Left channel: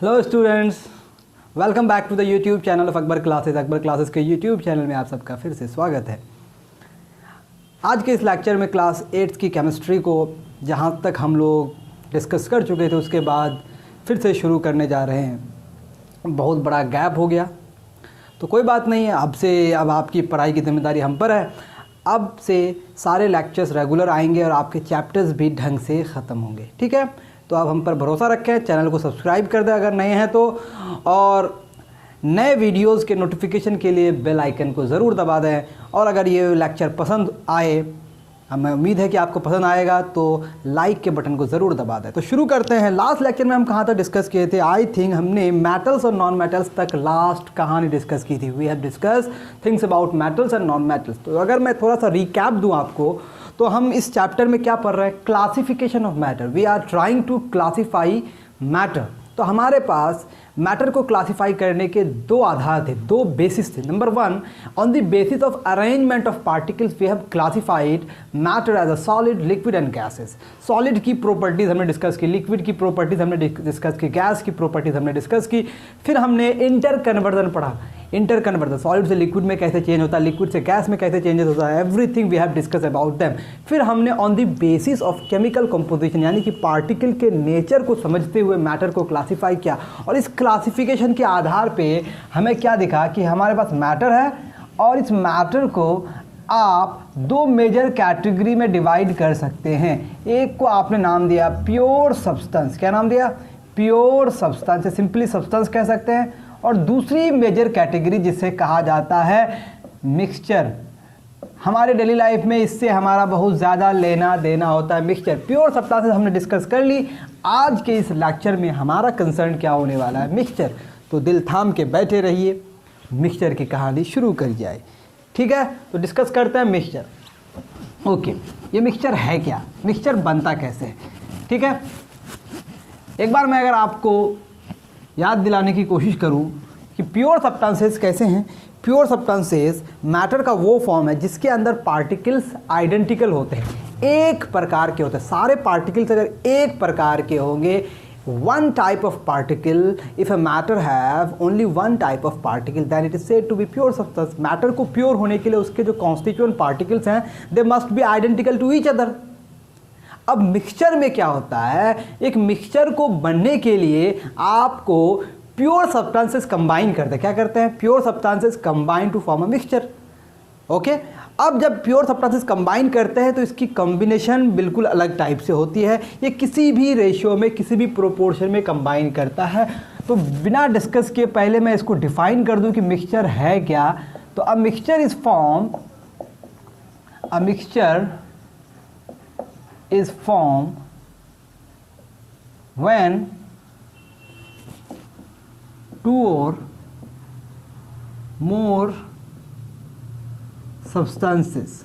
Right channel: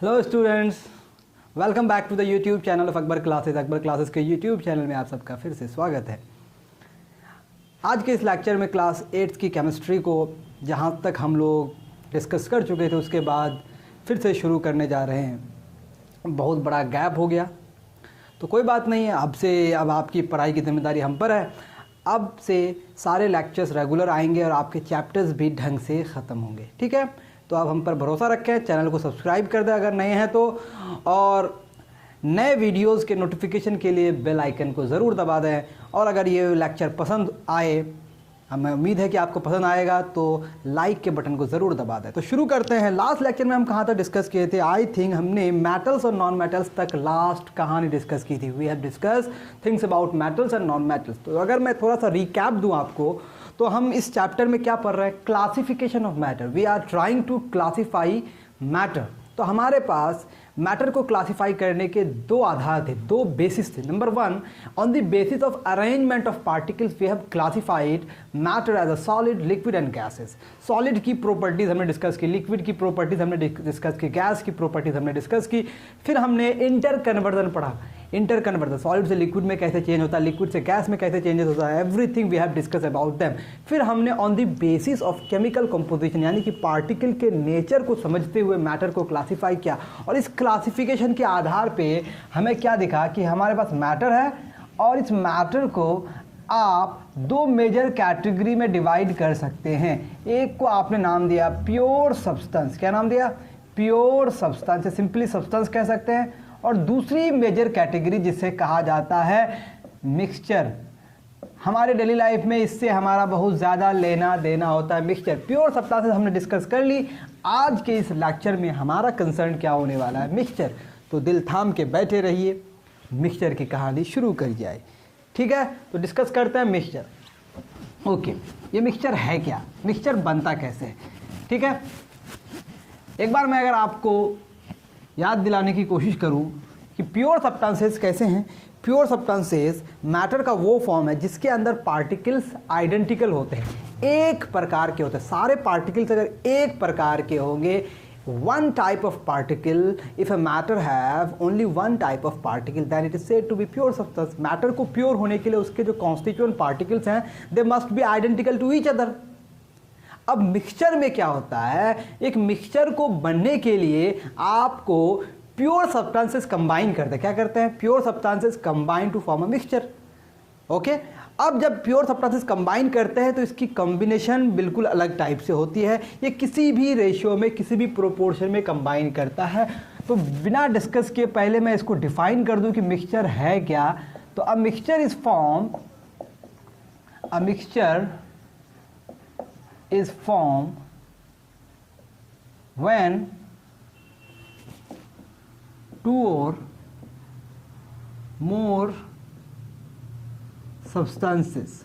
Hello students, welcome back to the YouTube channel of Akbar classes. Akbar classes के YouTube channel में आप सबका फिर से स्वागत है। आज के इस लेक्चर में क्लास 8 की केमिस्ट्री को जहाँ तक हम लोग डिस्कस कर चुके थे उसके बाद फिर से शुरू करने जा रहे हैं। बहुत बड़ा गैप हो गया तो कोई बात नहीं है, अब आपकी पढ़ाई की जिम्मेदारी हम पर है। अब से सारे लेक्चर्स रेगुलर आएंगे और आपके चैप्टर्स भी ढंग से ख़त्म होंगे, ठीक है। तो आप हम पर भरोसा रखें, चैनल को सब्सक्राइब कर दें अगर नए हैं तो, और नए वीडियोस के नोटिफिकेशन के लिए बेल आइकन को ज़रूर दबा दें। और अगर ये लेक्चर पसंद आए, हमें उम्मीद है कि आपको पसंद आएगा, तो लाइक के बटन को ज़रूर दबा दें। तो शुरू करते हैं। लास्ट लेक्चर में हम कहाँ तक डिस्कस किए थे? आई थिंक हमने मेटल्स और नॉन मेटल्स तक लास्ट कहानी डिस्कस की थी। We have discuss things about metals and non metals. तो अगर मैं थोड़ा सा रिकैप दूँ आपको, तो हम इस चैप्टर में क्या पढ़ रहे हैं? Classification of matter. We are trying to classify matter. तो हमारे पास मैटर को क्लासीफाई करने के दो आधार थे, दो बेसिस थे। Number one, on the basis of arrangement of particles we have classified matter as a solid, liquid and gases. Solid की प्रॉपर्टीज हमने डिस्कस की, लिक्विड की प्रॉपर्टीज हमने डिस्कस की, गैस की प्रॉपर्टीज हमने डिस्कस की। फिर हमने इंटर कन्वर्जन पढ़ा। इंटर कन्वर्जन, सॉलिड से लिक्विड में कैसे चेंज होता है, लिक्विड से गैस में कैसे चेंजेस होता है, everything we have discuss about them. फिर हमने on the basis of chemical composition, यानी कि पार्टिकल के नेचर को समझते हुए मैटर को क्लासीफाई किया। और इस क्लासिफिकेशन के आधार पे हमें क्या दिखा कि हमारे पास मैटर है और इस मैटर को आप दो मेजर कैटेगरी में डिवाइड कर सकते हैं। एक को आपने नाम दिया प्योर सब्सटेंस। क्या नाम दिया? प्योर सब्सटेंस, सिंपली सब्सटेंस कह सकते हैं। और दूसरी मेजर कैटेगरी जिसे कहा जाता है मिक्सचर। हमारे डेली लाइफ में इससे हमारा बहुत ज़्यादा लेना देना होता है, मिक्सचर। प्योर सब्सटेंसेस हमने डिस्कस कर ली। आज के इस लेक्चर में हमारा कंसर्न क्या होने वाला है? मिक्सचर। तो दिल थाम के बैठे रहिए, मिक्सचर की कहानी शुरू कर जाए, ठीक है। तो डिस्कस करते हैं मिक्सचर। ओके, ये मिक्सचर है क्या? मिक्सचर बनता कैसे है, ठीक है। एक बार मैं अगर आपको याद दिलाने की कोशिश करूं कि प्योर सब्सटेंसेस कैसे हैं। प्योर सब्सटेंसेस मैटर का वो फॉर्म है जिसके अंदर पार्टिकल्स आइडेंटिकल होते हैं, एक प्रकार के होते हैं। सारे पार्टिकल्स अगर एक प्रकार के होंगे, one type of particle, if a matter have only one type of particle, then it is said to be pure substance. Matter को प्योर होने के लिए उसके जो कॉन्स्टिट्यूएंट पार्टिकल्स हैं, they must be identical to each other. अब mixture में क्या होता है? एक मिक्सचर को बनने के लिए आपको प्योर सब्सटेंसेस कंबाइन करते हैं। क्या करते हैं? Pure substances combine to form a mixture. Okay, अब जब प्योर सब्सटेंसेस कंबाइन करते हैं तो इसकी कॉम्बिनेशन बिल्कुल अलग टाइप से होती है। ये किसी भी रेशियो में, किसी भी प्रोपोर्शन में कंबाइन करता है। तो बिना डिस्कस किए पहले मैं इसको डिफाइन कर दूं कि मिक्सचर है क्या। तो अ mixture is form, a mixture is formed when two or more substances,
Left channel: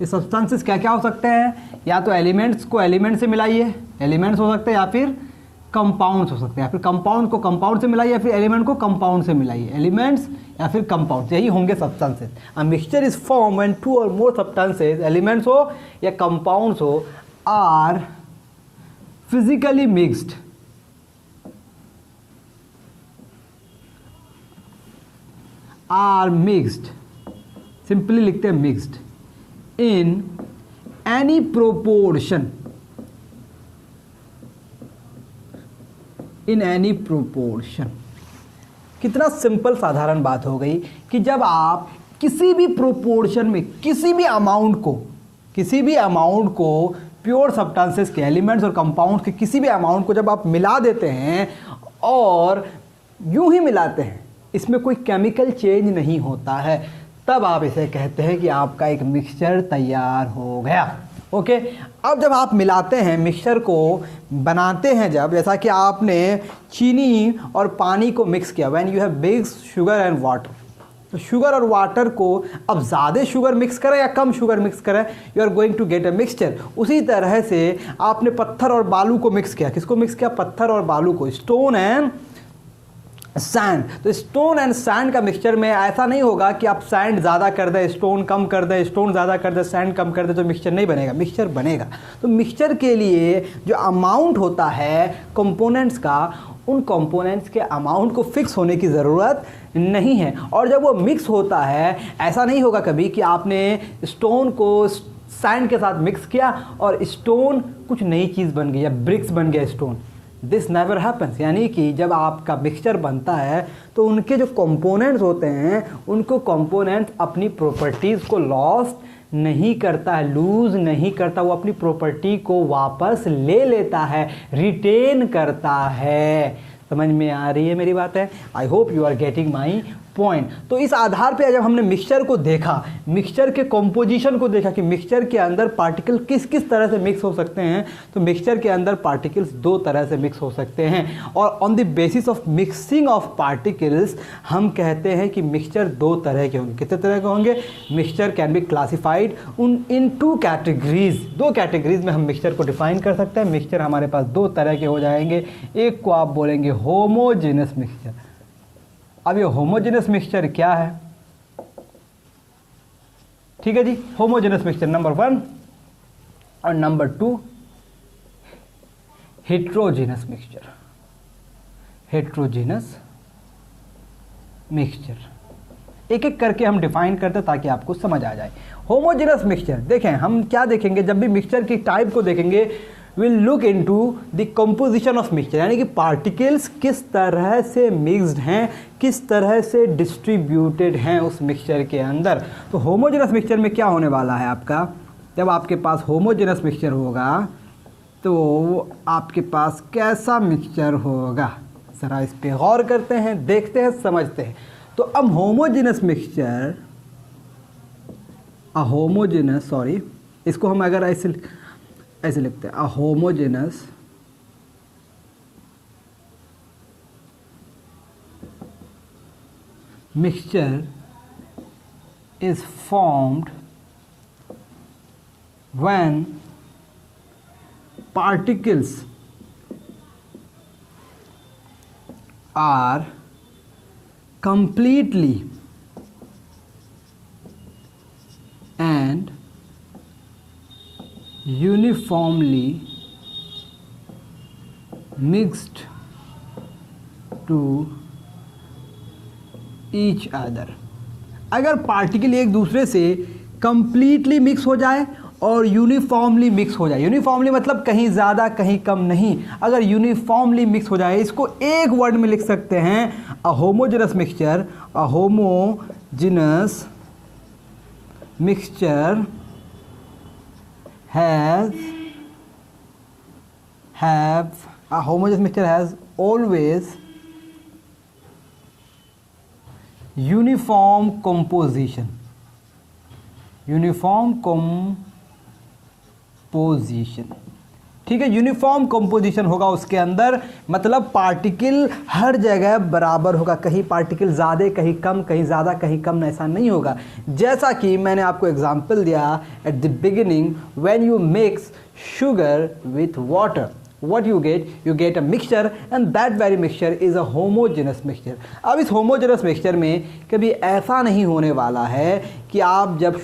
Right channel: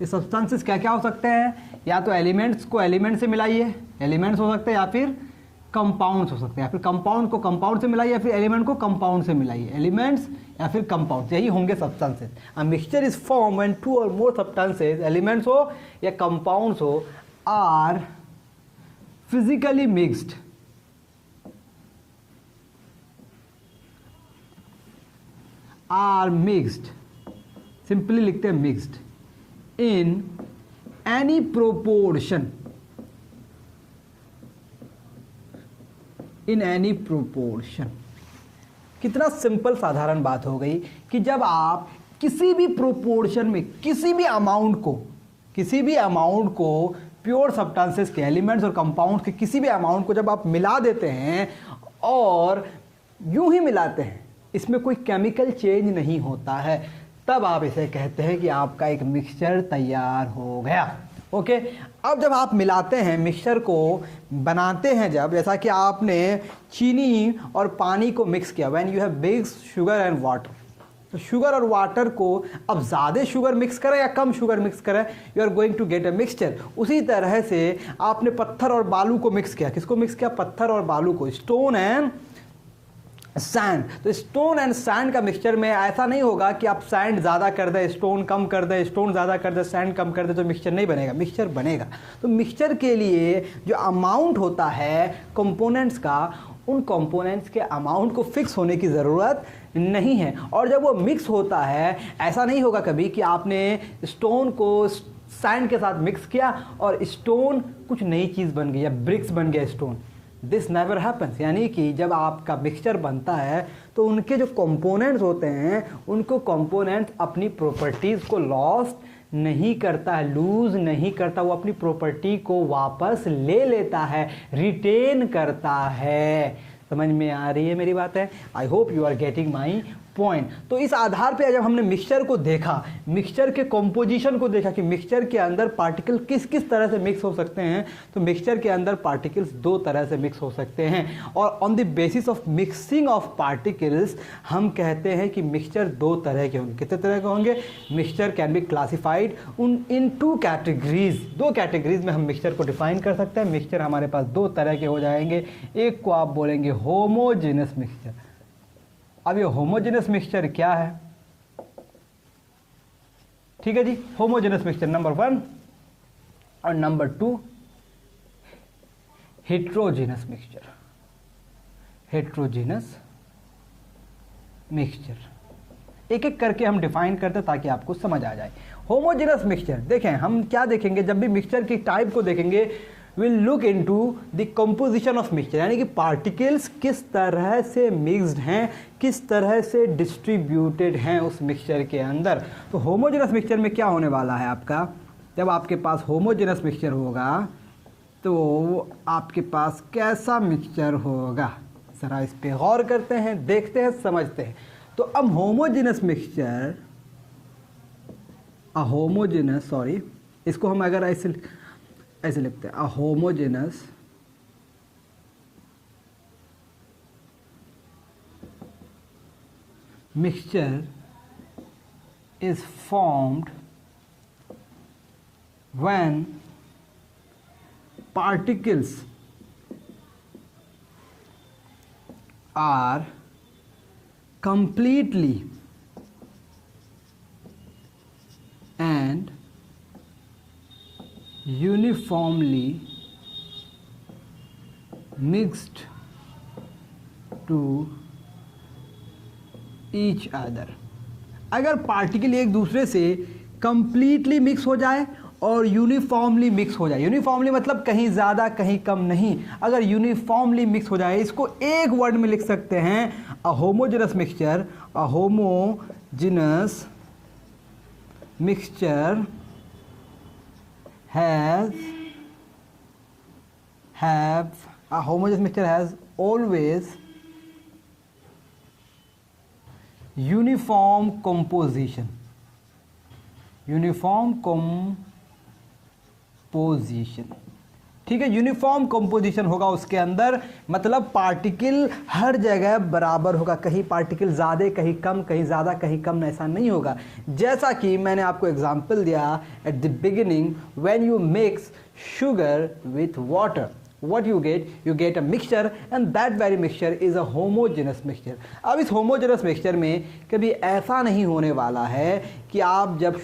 ये सब्सटेंसेस क्या क्या हो सकते हैं? या तो एलिमेंट्स को एलिमेंट से मिलाइए, एलिमेंट्स हो सकते हैं, या फिर कंपाउंड्स हो सकते हैं, या फिर कंपाउंड को कंपाउंड से मिलाइए, या फिर एलिमेंट को कंपाउंड से मिलाइए। एलिमेंट्स या फिर कंपाउंड्स, यही होंगे substances. A mixture is form when two or more substances, elements हो या कंपाउंड्स हो, are physically mixed, are mixed, simply लिखते हैं mixed, in any proportion, in any proportion. कितना सिंपल साधारण बात हो गई कि जब आप किसी भी प्रोपोर्शन में किसी भी अमाउंट को प्योर सब्सटेंसेस के, एलिमेंट्स और कंपाउंड्स के किसी भी अमाउंट को जब आप मिला देते हैं और यूं ही मिलाते हैं, इसमें कोई केमिकल चेंज नहीं होता है, तब आप इसे कहते हैं कि आपका एक मिक्सचर तैयार हो गया। ओके, अब जब आप मिलाते हैं, मिक्सचर को बनाते हैं, जब जैसा कि आपने चीनी और पानी को मिक्स किया, when you have mixed sugar and water, तो शुगर और वाटर को अब ज़्यादा शुगर मिक्स करें या कम शुगर मिक्स करें, you are going to get a mixture. उसी तरह से आपने पत्थर और बालू को मिक्स किया। किसको मिक्स किया? पत्थर और बालू को, स्टोन एंड सैंड। तो स्टोन एंड सैंड का मिक्सचर में ऐसा नहीं होगा कि आप सैंड ज़्यादा कर दें, स्टोन कम कर दें, स्टोन ज़्यादा कर दें, सैंड कम कर दें, तो मिक्सचर नहीं बनेगा। मिक्सचर बनेगा। तो मिक्सचर के लिए जो अमाउंट होता है कंपोनेंट्स का, उन कंपोनेंट्स के अमाउंट को फिक्स होने की ज़रूरत नहीं है। और जब वो मिक्स होता है, ऐसा नहीं होगा कभी कि आपने स्टोन को सैंड के साथ मिक्स किया और स्टोन कुछ नई चीज़ बन गई या ब्रिक्स बन गया स्टोन। This never happens. यानी कि जब आपका मिक्सचर बनता है तो उनके जो कंपोनेंट्स होते हैं, उनको कंपोनेंट्स अपनी प्रॉपर्टीज़ को लॉस नहीं करता है, लूज नहीं करता, वो अपनी प्रॉपर्टी को वापस ले लेता है, रिटेन करता है। समझ में आ रही है मेरी बात है? I hope you are getting my point. तो इस आधार पे जब हमने मिक्सचर को देखा, मिक्सचर के कंपोजिशन को देखा कि मिक्सचर के अंदर पार्टिकल किस किस तरह से मिक्स हो सकते हैं, तो मिक्सचर के अंदर पार्टिकल्स दो तरह से मिक्स हो सकते हैं। और on the basis of mixing of particles हम कहते हैं कि मिक्सचर दो तरह के होंगे। कितने तरह के होंगे? Mixture can be classified in two categories. दो कैटेगरीज में हम मिक्सचर को डिफाइन कर सकते हैं। मिक्सचर हमारे पास दो तरह के हो जाएंगे। एक को आप बोलेंगे होमोजेनस मिक्सचर। अब ये होमोजेनस मिक्सचर क्या है? ठीक है जी, होमोजेनस मिक्सचर नंबर 1 और number 2 heterogeneous mixture. Heterogeneous mixture एक एक करके हम डिफाइन करते हैं ताकि आपको समझ आ जाए। होमोजेनस मिक्सचर देखें, हम क्या देखेंगे जब भी मिक्सचर की टाइप को देखेंगे, will look into the composition of mixture, यानी कि पार्टिकल्स किस तरह से मिक्स्ड हैं, किस तरह से डिस्ट्रीब्यूटेड हैं उस मिक्सचर के अंदर। तो होमोजेनस मिक्सचर में क्या होने वाला है आपका, जब आपके पास होमोजेनस मिक्सचर होगा तो आपके पास कैसा मिक्सचर होगा, जरा इस पे गौर करते हैं, देखते हैं, समझते हैं। तो अब होमोजेनस मिक्सचर, इसको हम अगर ऐसे लिखते हैं, a homogeneous mixture is formed when particles are completely and uniformly mixed to each other। अगर पार्टिकल एक दूसरे से कंप्लीटली मिक्स हो जाए और यूनिफॉर्मली मिक्स हो जाए, यूनिफॉर्मली मतलब कहीं ज़्यादा कहीं कम नहीं, अगर यूनिफॉर्मली मिक्स हो जाए, इसको एक वर्ड में लिख सकते हैं, a homogeneous mixture. A homogeneous mixture has always uniform composition. ठीक है, यूनिफॉर्म कंपोजिशन होगा उसके अंदर, मतलब पार्टिकल हर जगह बराबर होगा, कहीं पार्टिकल ज़्यादा कहीं कम, कहीं ज़्यादा कहीं कम, ऐसा नहीं होगा। जैसा कि मैंने आपको एग्जांपल दिया at the beginning, when you mix sugar with water, what you get a mixture and that very mixture is a homogeneous mixture। अब इस homogeneous mixture में कभी ऐसा नहीं होने वाला है कि आप जब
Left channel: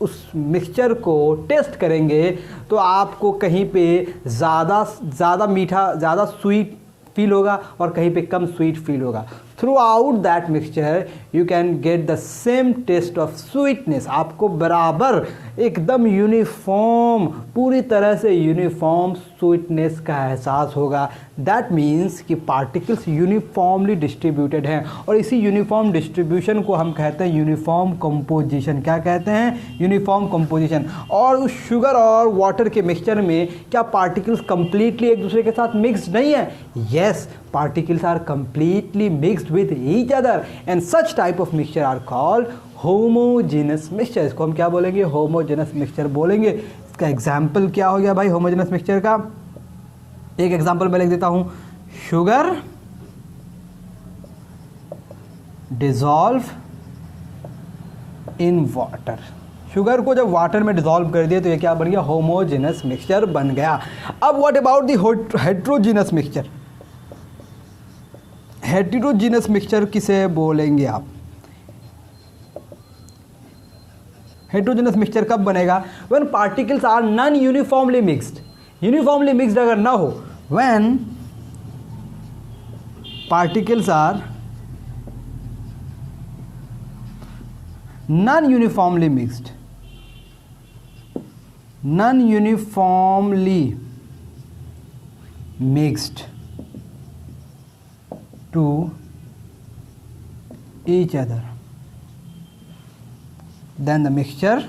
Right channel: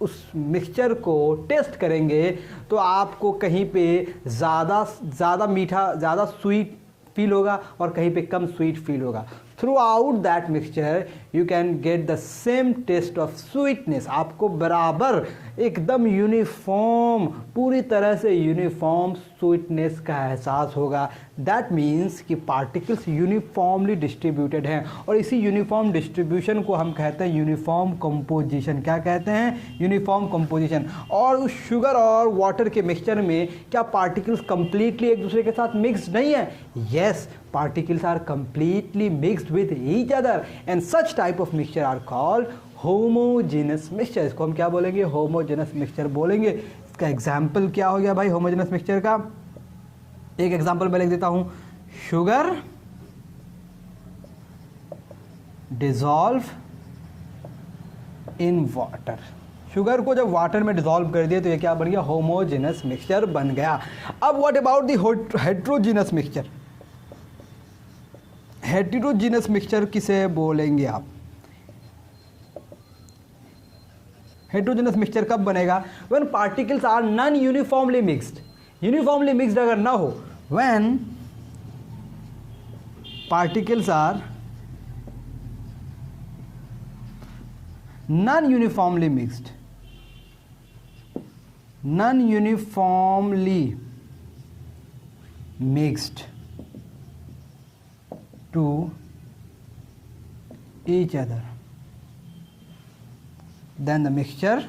उस मिक्सचर को टेस्ट करेंगे तो आपको कहीं पे ज़्यादा मीठा, ज़्यादा स्वीट फील होगा और कहीं पे कम स्वीट फील होगा। Throughout that mixture you can get the same taste of sweetness. आपको बराबर एकदम यूनिफॉर्म, पूरी तरह से यूनिफॉर्म स्वीटनेस का एहसास होगा। दैट मीन्स कि पार्टिकल्स यूनिफॉर्मली डिस्ट्रीब्यूटेड हैं और इसी यूनिफॉर्म डिस्ट्रीब्यूशन को हम कहते हैं यूनिफॉर्म कंपोजिशन। क्या कहते हैं? Uniform composition. और उस शुगर और वाटर के मिक्सचर में क्या पार्टिकल्स कंप्लीटली एक दूसरे के साथ मिक्स्ड नहीं है? Yes, particles are completely mixed with each other and such type of mixture are called homogeneous mixture। इसको हम क्या बोलेंगे? homogeneous mixture बोलेंगे। इसका एग्जाम्पल क्या हो गया भाई homogeneous mixture का? एक एग्जाम्पल मैं लिख देता हूं, sugar dissolve in water. Sugar को जब वाटर में डिसॉल्व कर दिया तो ये क्या बन गया? होमोजेनस मिक्सचर बन गया। अब what about the heterogeneous mixture? Heterogeneous mixture किसे बोलेंगे आप? हेटेरोजीनस मिक्सचर कब बनेगा? When particles are non uniformly mixed. Uniformly mixed अगर ना हो, when particles are non uniformly mixed, non uniformly mixed to each other, then the mixture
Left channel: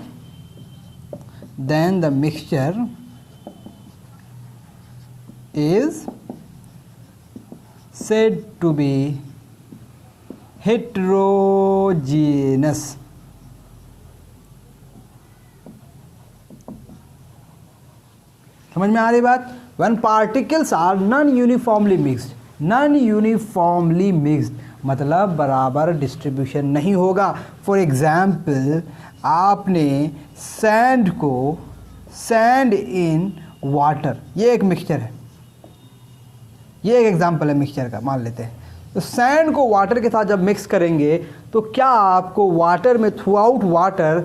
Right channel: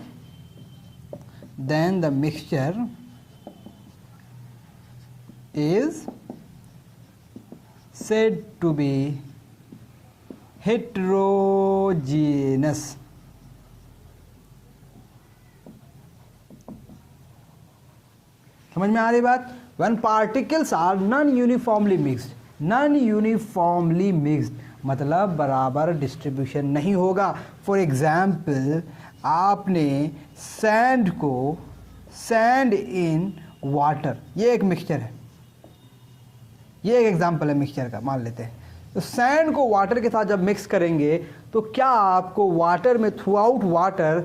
is said to be heterogeneous. समझ में आ रही बात? when particles are non uniformly mixed, non uniformly mixed मतलब बराबर distribution नहीं होगा। फॉर एग्जाम्पल, आपने sand in water, ये एक मिक्सचर है, ये एक एग्जाम्पल है मिक्सचर का, मान लेते हैं। तो सैंड को वाटर के साथ जब मिक्स करेंगे तो क्या आपको वाटर में थ्रू आउट वाटर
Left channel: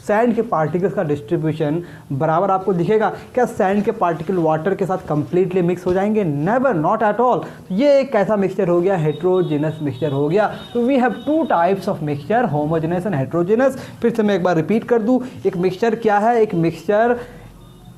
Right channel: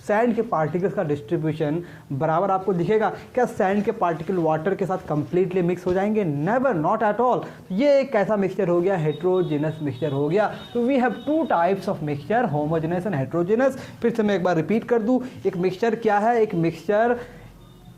सैंड के पार्टिकल्स का डिस्ट्रीब्यूशन बराबर आपको दिखेगा? क्या सैंड के पार्टिकल वाटर के साथ कंप्लीटली मिक्स हो जाएंगे? Never, not at all. ये एक कैसा मिक्सचर हो गया? हेटेरोजेनस मिक्सचर हो गया। तो we have two types of mixture, homogeneous and heterogeneous. फिर से मैं एक बार रिपीट कर दूं, एक मिक्सचर क्या है? एक मिक्सचर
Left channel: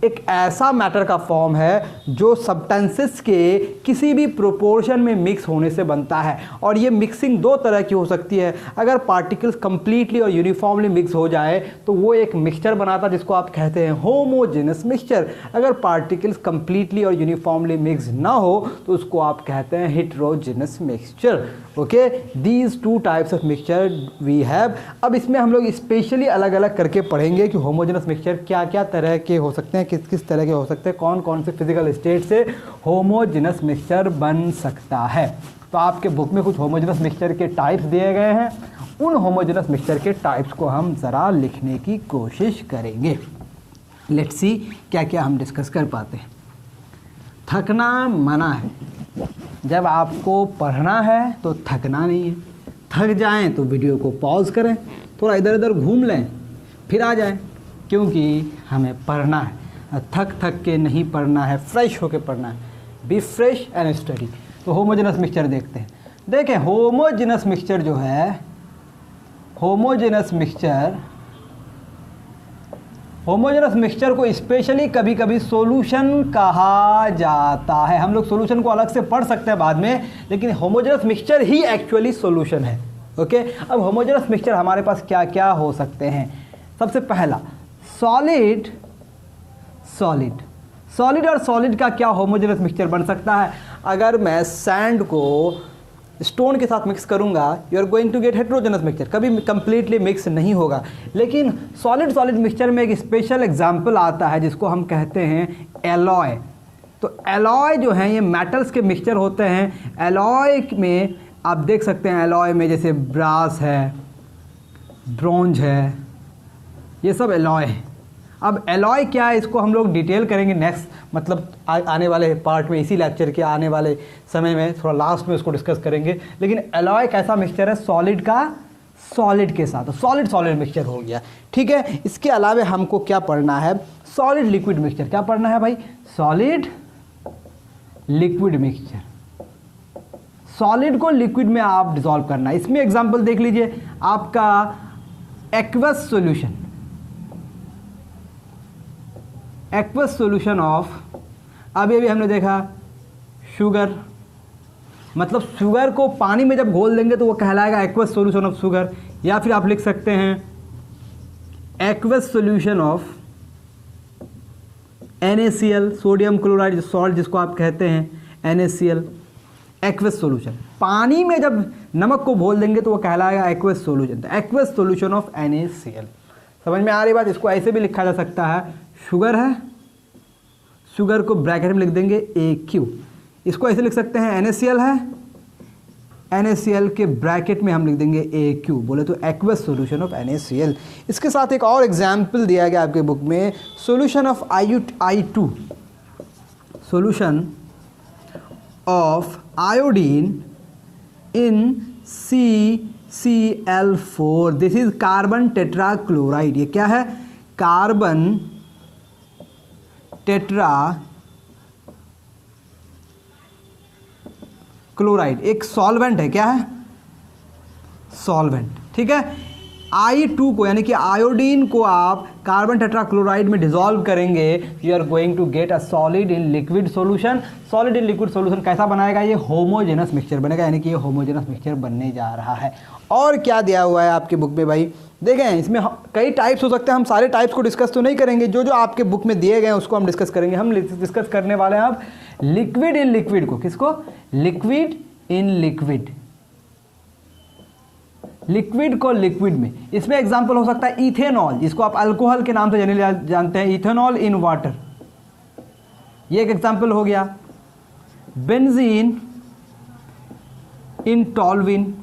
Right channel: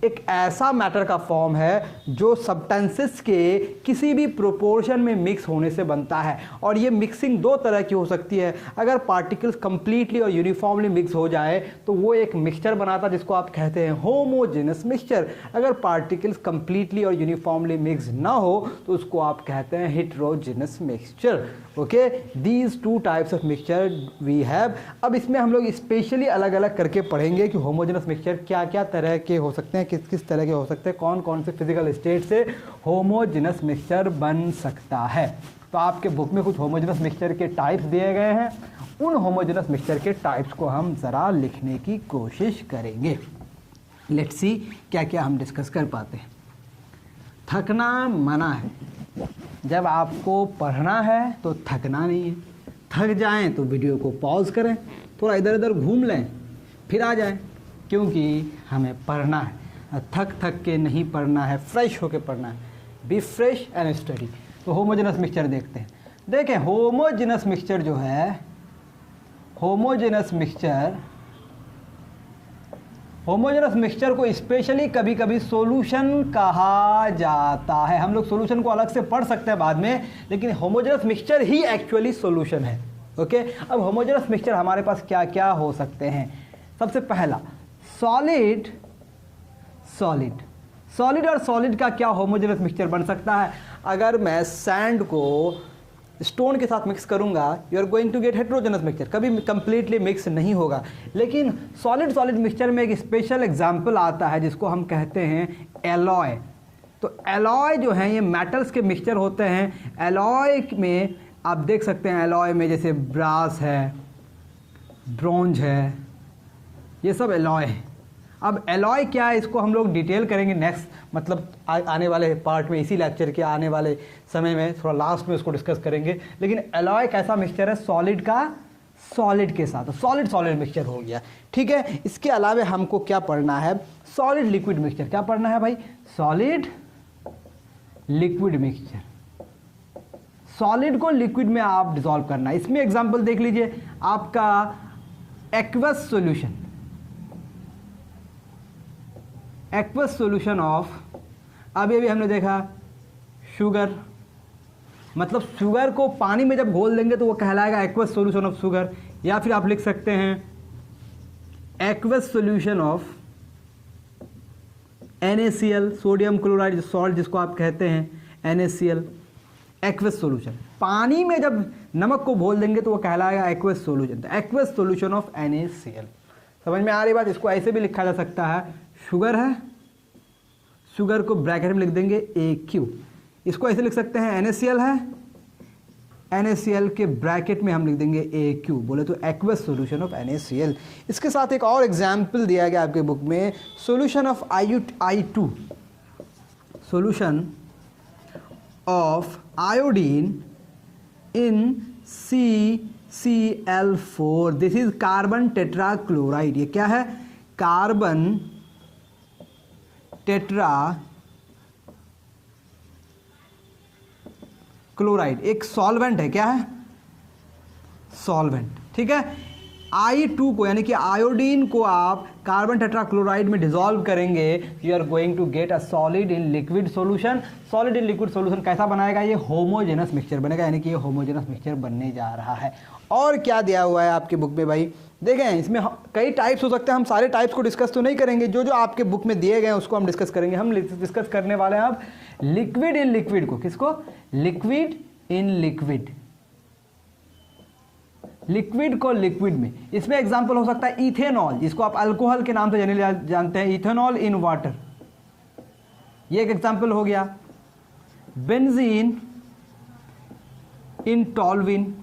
एक ऐसा मैटर का फॉर्म है जो सब्सटेंसेस के किसी भी प्रोपोर्शन में मिक्स होने से बनता है। और ये मिक्सिंग दो तरह की हो सकती है। अगर पार्टिकल्स कंप्लीटली और यूनिफॉर्मली मिक्स हो जाए तो वो एक मिक्सचर बनाता है जिसको आप कहते हैं होमोजेनस मिक्सचर। अगर पार्टिकल्स कंप्लीटली और यूनिफॉर्मली मिक्स ना हो तो उसको आप कहते हैं heterogeneous mixture. Okay, these two types of mixture we have. अब इसमें हम लोग स्पेशली अलग अलग करके पढ़ेंगे कि होमोजेनस मिक्सचर क्या क्या तरह के हो सकते हैं, किस किस तरह के हो सकते हैं, कौन कौन से फिजिकल स्टेट से होमोजेनस मिक्सचर बन सकता है। तो आपके बुक में कुछ होमोजेनस मिक्सचर के टाइप्स दिए गए हैं, उन होमोजेनस मिक्सचर के टाइप्स को हम ज़रा लिखने की कोशिश करेंगे। लेट्स सी क्या क्या हम डिस्कस कर पाते हैं। थकना मना है। जब आपको पढ़ना है तो थकना नहीं है। थक जाएं तो वीडियो को पॉज करें, थोड़ा इधर उधर घूम लें, फिर आ जाएं, क्योंकि हमें पढ़ना है। थक के नहीं पढ़ना है, फ्रेश होकर पढ़ना है। Be fresh and study. तो होमोजेनस मिक्सचर देखते हैं। देखें, होमोजेनस मिक्सचर जो है, होमोजेनस मिक्सचर को स्पेशली कभी कभी सॉल्यूशन कहा जाता है। हम लोग सॉल्यूशन को अलग से पढ़ सकते हैं बाद में, लेकिन होमोजेनस मिक्सचर ही एक्चुअली सॉल्यूशन है। ओके, अब होमोजेनस मिक्सचर हमारे पास क्या क्या हो सकते हैं? सबसे पहला सॉलिड और सॉलिड का क्या होमोजेनस मिक्सचर बन सकता है? अगर मैं सैंड को स्टोन के साथ मिक्स करूंगा, you are going to get heterogeneous mixture, कभी कंप्लीटली मिक्स नहीं होगा। लेकिन सॉलिड मिक्सचर में एक स्पेशल एग्जांपल आता है जिसको हम कहते हैं एलॉय। तो एलॉय जो है ये मेटल्स के मिक्सचर होते हैं। एलॉय में आप देख सकते हैं, एलॉय में जैसे ब्रास है, ब्रोंज है, ये सब एलॉय है। अब एलॉय क्या है इसको हम लोग डिटेल करेंगे नेक्स्ट, मतलब आने वाले पार्ट में, इसी लेक्चर के आने वाले समय में, थोड़ा लास्ट में उसको डिस्कस करेंगे। लेकिन एलॉय कैसा मिक्सचर है? सॉलिड का सॉलिड के साथ, सॉलिड मिक्सचर हो गया। ठीक है, इसके अलावा हमको क्या पढ़ना है? Solid liquid mixture. क्या पढ़ना है भाई? Solid liquid mixture. सॉलिड को लिक्विड में आप डिसॉल्व करना है। इसमें एग्जांपल देख लीजिए, आपका एक्वस सॉल्यूशन ऑफ, अभी हमने देखा शुगर, मतलब शुगर को पानी में जब घोल देंगे तो वो कहलाएगा एक्वस सॉल्यूशन ऑफ शुगर। या फिर आप लिख सकते हैं aqueous solution of NaCl, sodium chloride salt जिसको आप कहते हैं NaCl, एक्वस सॉल्यूशन। पानी में जब नमक को घोल देंगे तो वो कहलाएगा aqueous solution, aqueous solution of NaCl। समझ में आ रही बात? इसको ऐसे भी लिखा जा सकता है, शुगर है, शुगर को ब्रैकेट में लिख देंगे AQ। इसको ऐसे लिख सकते हैं, NaCl है, NaCl के ब्रैकेट में हम लिख देंगे AQ, बोले तो एक्वस सॉल्यूशन ऑफ NaCl। इसके साथ एक और एग्जाम्पल दिया गया आपके बुक में, solution of I2, solution of iodine in CCl4, this is carbon tetrachloride. ये क्या है? कार्बन टेट्रा क्लोराइड एक सॉल्वेंट है। क्या है? सॉल्वेंट। ठीक है। I2 को यानी कि आयोडीन को आप कार्बन टेट्राक्लोराइड में डिसॉल्व करेंगे, you are going to get a solid in liquid solution. Solid in liquid solution कैसा बनाएगा? ये होमोजेनस मिक्सचर बनेगा, यानी कि ये होमोजेनस मिक्सचर बनने जा रहा है। और क्या दिया हुआ है आपके बुक में भाई? देखें, इसमें कई टाइप्स हो सकते हैं, हम सारे टाइप्स को डिस्कस तो नहीं करेंगे, जो जो आपके बुक में दिए गए हैं उसको हम डिस्कस करेंगे। हम डिस्कस करने वाले हैं अब लिक्विड इन लिक्विड को। किसको? लिक्विड इन लिक्विड, लिक्विड को लिक्विड में। इसमें एग्जांपल हो सकता है इथेनॉल, जिसको आप अल्कोहल के नाम से जानते हैं, इथेनॉल इन वाटर, ये एक एग्जांपल हो गया। बेंजीन इन टॉल्विन,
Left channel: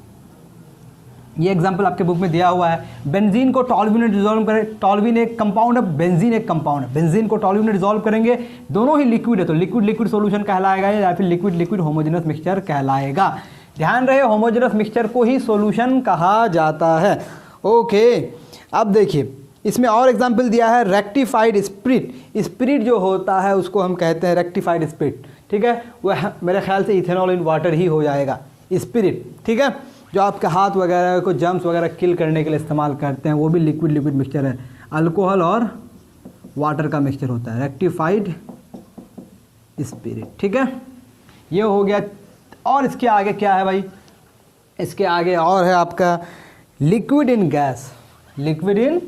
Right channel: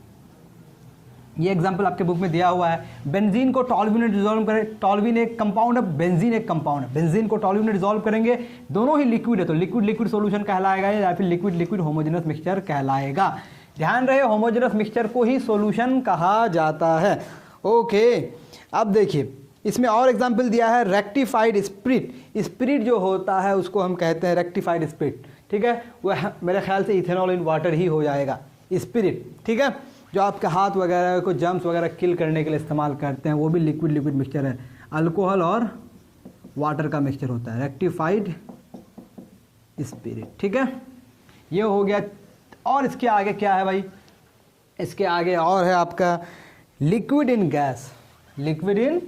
ये एग्जांपल आपके बुक में दिया हुआ है। बेंजीन को टॉल्विन में डिसॉल्व करें, टॉल्विन एक कंपाउंड है, बेंजीन एक कंपाउंड है, बेंजीन को टॉल्विन में डिसॉल्व करेंगे, दोनों ही लिक्विड है, तो लिक्विड लिक्विड सॉल्यूशन कहलाएगा या फिर लिक्विड लिक्विड होमोजेनस मिक्सचर कहलाएगा। ध्यान रहे, होमोजेनस मिक्सचर को ही सॉल्यूशन कहा जाता है। ओके, अब देखिए इसमें और एग्जांपल दिया है रेक्टिफाइड स्पिरिट। स्पिरिट जो होता है उसको हम कहते हैं रेक्टिफाइड स्पिरिट। ठीक है, वह मेरे ख्याल से इथेनॉल इन वाटर ही हो जाएगा स्पिरिट। ठीक है, जो आपके हाथ वगैरह को जम्स वगैरह किल करने के लिए इस्तेमाल करते हैं, वो भी लिक्विड लिक्विड मिक्सचर है, अल्कोहल और वाटर का मिक्सचर होता है, रेक्टिफाइड स्पिरिट। ठीक है, ये हो गया। और इसके आगे क्या है भाई? इसके आगे और है आपका liquid in gas, liquid in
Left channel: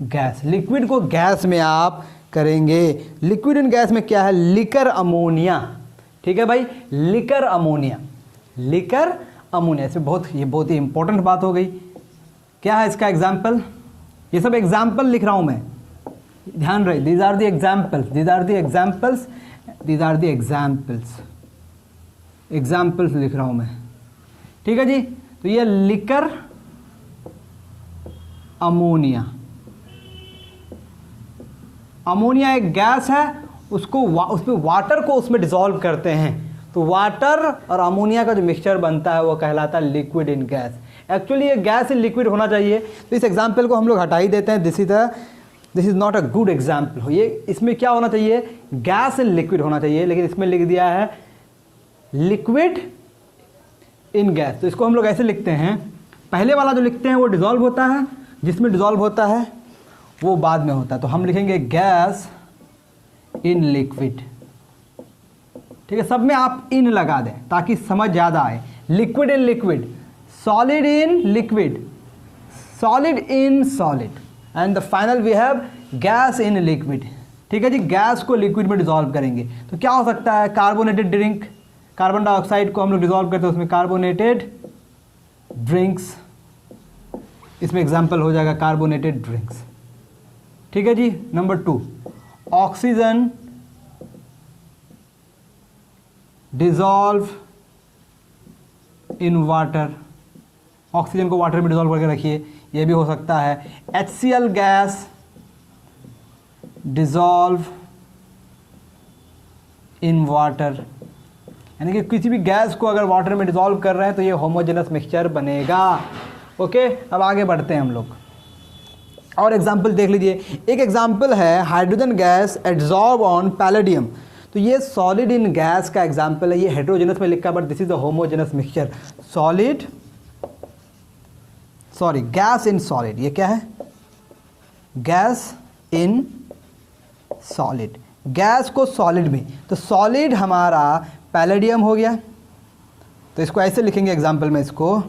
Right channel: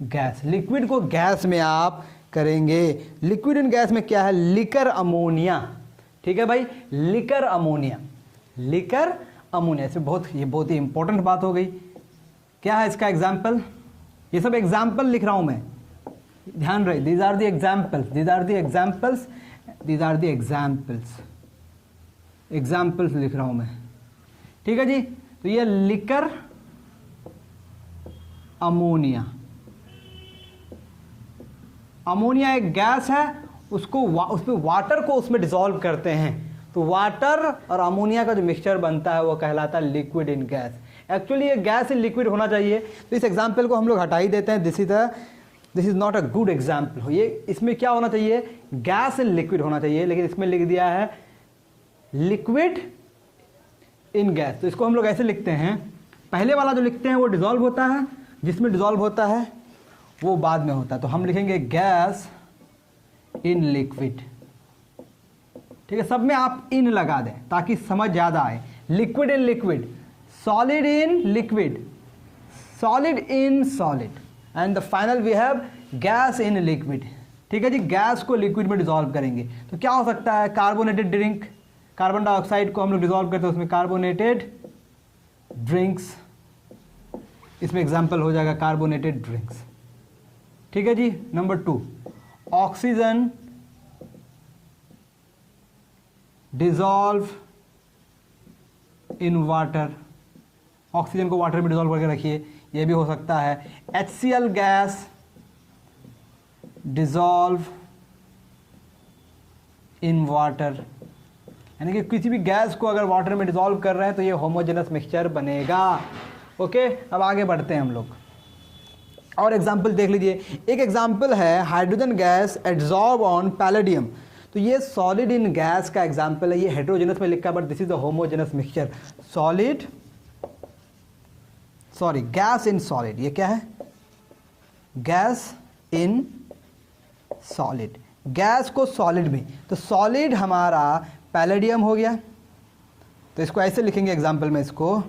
gas. Liquid को गैस में आप करेंगे। लिक्विड इन गैस में क्या है? Liquor ammonia. ठीक है भाई, लिकर अमोनिया, लिकर अमोनिया। इसमें ये बहुत ही इंपॉर्टेंट बात हो गई। क्या है इसका एग्जाम्पल? ये सब एग्जाम्पल लिख रहा हूं मैं, ध्यान रहे, these are the examples, these are the examples, these are the examples, examples लिख रहा हूं मैं। ठीक है जी, तो ये लिकर अमोनिया, अमोनिया एक गैस है, उसको उसमें वाटर को उसमें डिसॉल्व करते हैं, तो वाटर और अमोनिया का जो मिक्सचर बनता है वो कहलाता है लिक्विड इन गैस। एक्चुअली ये गैस इन लिक्विड होना चाहिए, तो इस एग्जाम्पल को हम लोग हटा ही देते हैं। This is not a good example. ये इसमें क्या होना चाहिए? गैस इन लिक्विड होना चाहिए, लेकिन इसमें लिख दिया है लिक्विड इन गैस। तो इसको हम लोग ऐसे लिखते हैं, पहले वाला जो लिखते हैं वो डिसॉल्व होता है, जिसमें डिसॉल्व होता है वो बाद में होता है, तो हम लिखेंगे गैस इन लिक्विड। ठीक है, सब में आप इन लगा दें ताकि समझ ज़्यादा आए। Liquid in liquid, solid in liquid, solid in solid, and the final we have gas in liquid. ठीक है जी, गैस को लिक्विड में डिसॉल्व करेंगे तो क्या हो सकता है? कार्बोनेटेड ड्रिंक, कार्बन डाइऑक्साइड को हम लोग डिसॉल्व करते हैं, उसमें कार्बोनेटेड ड्रिंक्स, इसमें एग्जाम्पल हो जाएगा कार्बोनेटेड ड्रिंक्स। ठीक है जी। Number 2, oxygen dissolve in water, oxygen को वाटर में डिसॉल्व करके रखिए, ये भी हो सकता है। HCl gas dissolve in water, यानी कि किसी भी गैस को अगर वाटर में डिसॉल्व कर रहे हैं तो ये होमोजेनस मिक्सचर बनेगा। ओके, अब आगे बढ़ते हैं हम लोग, और एग्जाम्पल देख लीजिए। एक एग्जाम्पल है hydrogen gas adsorb on palladium, तो ये सॉलिड इन गैस का एग्जाम्पल है। ये हेट्रोजेनस में लिखा है but this is a homogeneous mixture. Gas in solid, ये क्या है? गैस इन सॉलिड, गैस को सॉलिड में, तो सॉलिड हमारा पैलेडियम हो गया, तो इसको ऐसे लिखेंगे एग्जाम्पल में इसको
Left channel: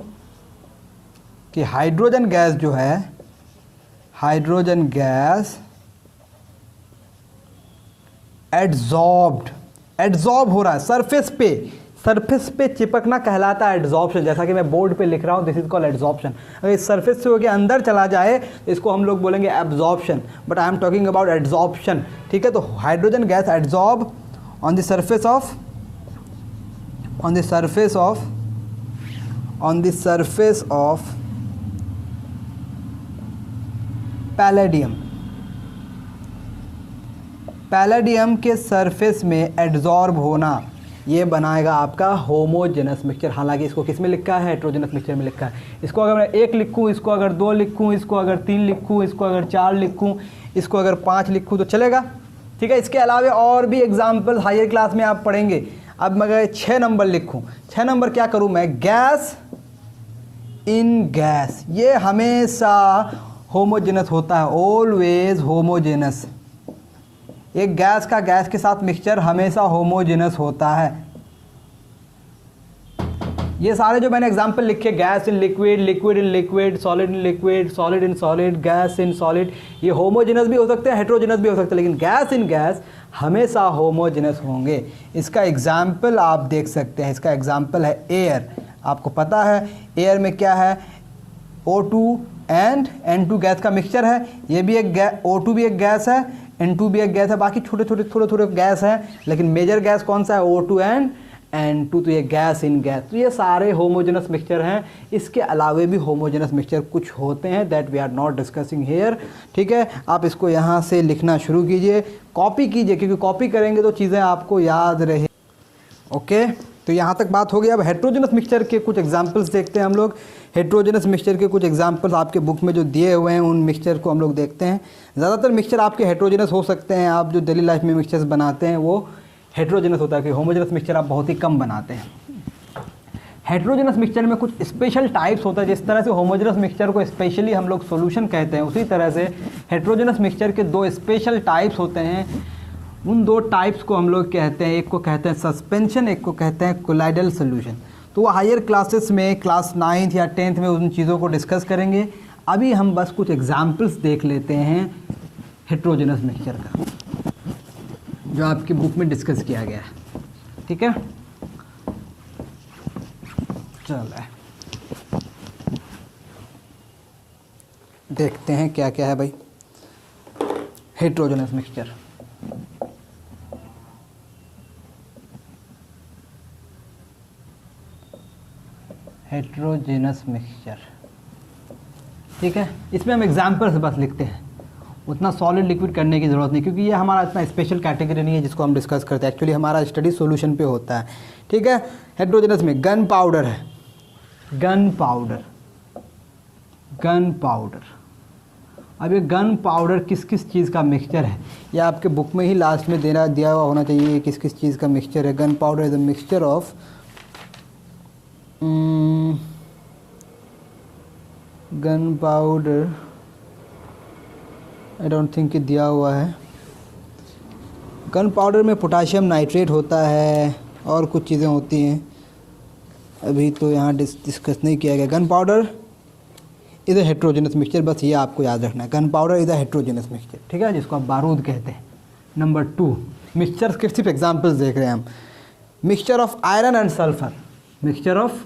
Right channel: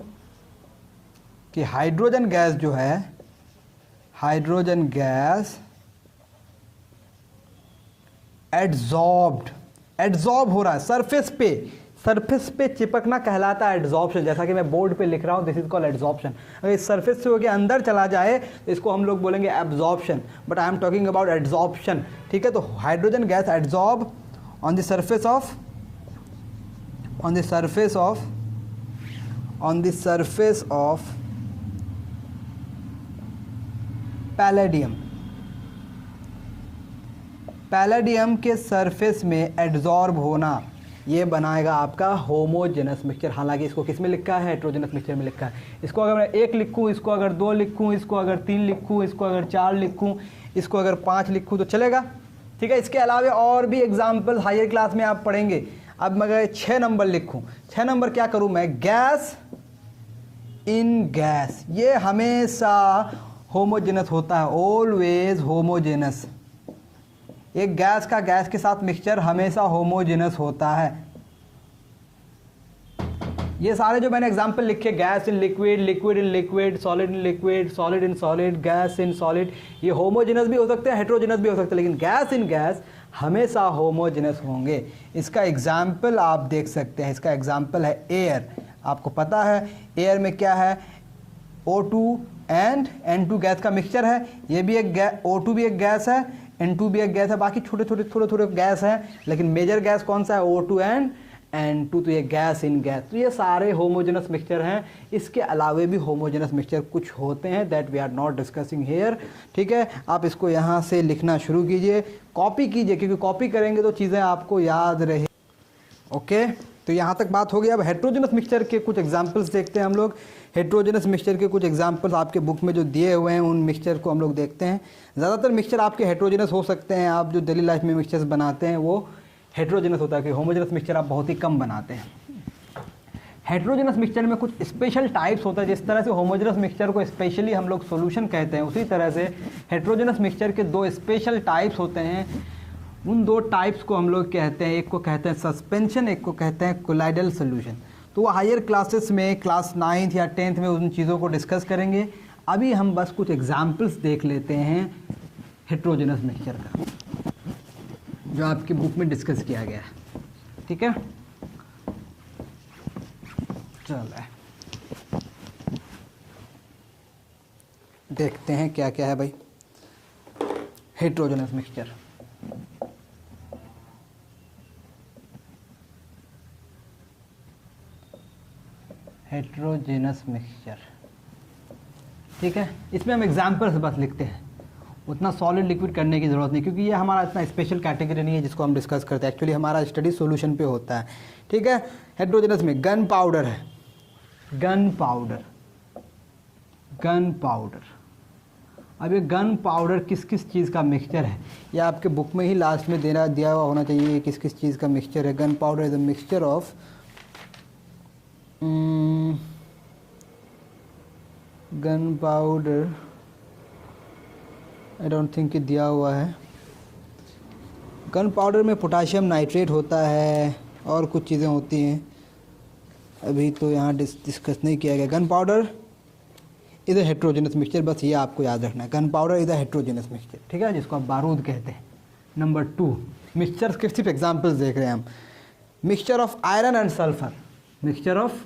कि हाइड्रोजन गैस जो है, हाइड्रोजन गैस एड्सॉर्ब हो रहा है सरफेस पे चिपकना कहलाता है एड्सॉर्प्शन। जैसा कि मैं बोर्ड पे लिख रहा हूँ, दिस इज कॉल्ड एड्सॉर्प्शन। अगर इस सरफेस से होकर अंदर चला जाए तो इसको हम लोग बोलेंगे absorption, but I am talking about adsorption. ठीक है, तो hydrogen gas adsorb on the surface of palladium के सरफेस में एड्जॉर्ब होना, ये बनाएगा आपका होमोजेनस मिक्सचर। हालांकि इसको किस में लिखा है? हेट्रोजेनस मिक्सचर में लिखा है। इसको अगर मैं 1 लिखूँ, इसको अगर 2 लिखूँ, इसको अगर 3 लिखूँ, इसको अगर 4 लिखूँ, इसको अगर 5 लिखूँ तो चलेगा, ठीक है। इसके अलावा और भी एग्जाम्पल हायर क्लास में आप पढ़ेंगे। अब मैं अगर 6 नंबर लिखूँ, 6 नंबर क्या करूँ मैं? गैस इन गैस, ये हमेशा होमोजेनस होता है, ऑलवेज होमोजेनस। एक गैस का गैस के साथ मिक्सचर हमेशा होमोजेनस होता है। ये सारे जो मैंने एग्जांपल लिखे, gas in liquid, liquid in liquid, solid in liquid, solid in solid, gas in solid, ये होमोजेनस भी हो सकते हैं, हेट्रोजेनस भी हो सकते हैं, लेकिन गैस इन गैस हमेशा होमोजेनस होंगे। इसका एग्जाम्पल आप देख सकते हैं, इसका एग्जाम्पल है एयर। आपको पता है एयर में क्या है? O2 एंड N2 गैस का मिक्सचर है। ये भी एक O2 भी एक गैस है, N2 भी एक गैस है, बाकी छोटे छोटे थोड़े थोड़े गैस हैं, लेकिन मेजर गैस कौन सा है? O2 एंड N2, तो ये गैस इन गैस। तो ये सारे होमोजेनस मिक्सचर हैं। इसके अलावा भी होमोजेनस मिक्सचर कुछ होते हैं, that we are not discussing here, ठीक है। आप इसको यहाँ से लिखना शुरू कीजिए, कॉपी कीजिए, क्योंकि कॉपी करेंगे तो चीज़ें आपको याद रहे। ओके, तो यहाँ तक बात हो गई। अब हेट्रोजेनस मिक्सचर के कुछ एग्जांपल्स देखते हैं हम लोग। हेट्रोजेनस मिक्सचर के कुछ एग्जांपल्स आपके बुक में जो दिए हुए हैं, उन मिक्सचर को हम लोग देखते हैं। ज़्यादातर मिक्सचर आपके हेट्रोजेनस हो सकते हैं। आप जो डेली लाइफ में मिक्सचर्स बनाते हैं वो हेट्रोजेनस होता है, कि होमोजेनस मिक्सचर आप बहुत ही कम बनाते हैं। हेट्रोजेनस मिक्सचर में कुछ स्पेशल टाइप्स होता है। जिस तरह से होमोजेनस मिक्सचर को स्पेशली हम लोग सॉल्यूशन कहते हैं, उसी तरह से हेट्रोजेनस मिक्सचर के 2 स्पेशल टाइप्स होते हैं। उन 2 टाइप्स को हम लोग कहते हैं, एक को कहते हैं सस्पेंशन, एक को कहते हैं कोलाइडल सॉल्यूशन। तो हायर क्लासेस में, क्लास 9th या 10th में उन चीज़ों को डिस्कस करेंगे। अभी हम बस कुछ एग्जाम्पल्स देख लेते हैं हेट्रोजेनस मिक्सचर का, जो आपकी बुक में डिस्कस किया गया है, ठीक है। चलो देखते हैं क्या क्या है भाई हेट्रोजेनस मिक्सचर। हेट्रोजेनस मिक्सचर, ठीक है। इसमें हम एग्जाम्पल्स बस लिखते हैं, उतना सॉलिड लिक्विड करने की ज़रूरत नहीं, क्योंकि ये हमारा इतना स्पेशल कैटेगरी नहीं है जिसको हम डिस्कस करते हैं। एक्चुअली हमारा स्टडी सॉल्यूशन पे होता है, ठीक है। हेट्रोजेनस में गन पाउडर है, गन पाउडर, गन पाउडर। अब ये गन पाउडर किस किस चीज़ का मिक्सचर है, ये आपके बुक में ही लास्ट में दिया हुआ होना चाहिए, किस किस चीज़ का मिक्सचर है। Gun powder is a mixture of gun powder, I don't think कि दिया हुआ है। गन पाउडर में पोटाशियम नाइट्रेट होता है और कुछ चीज़ें होती हैं, अभी तो यहाँ डिस्कस नहीं किया गया। Gun powder is a heterogeneous mixture, बस ये आपको याद रखना है, gun powder is a heterogeneous mixture, ठीक है, जिसको आप बारूद कहते हैं। नंबर 2, मिक्सचर के सिर्फ एग्जाम्पल्स देख रहे हैं हम। Mixture of iron and sulphur, mixture of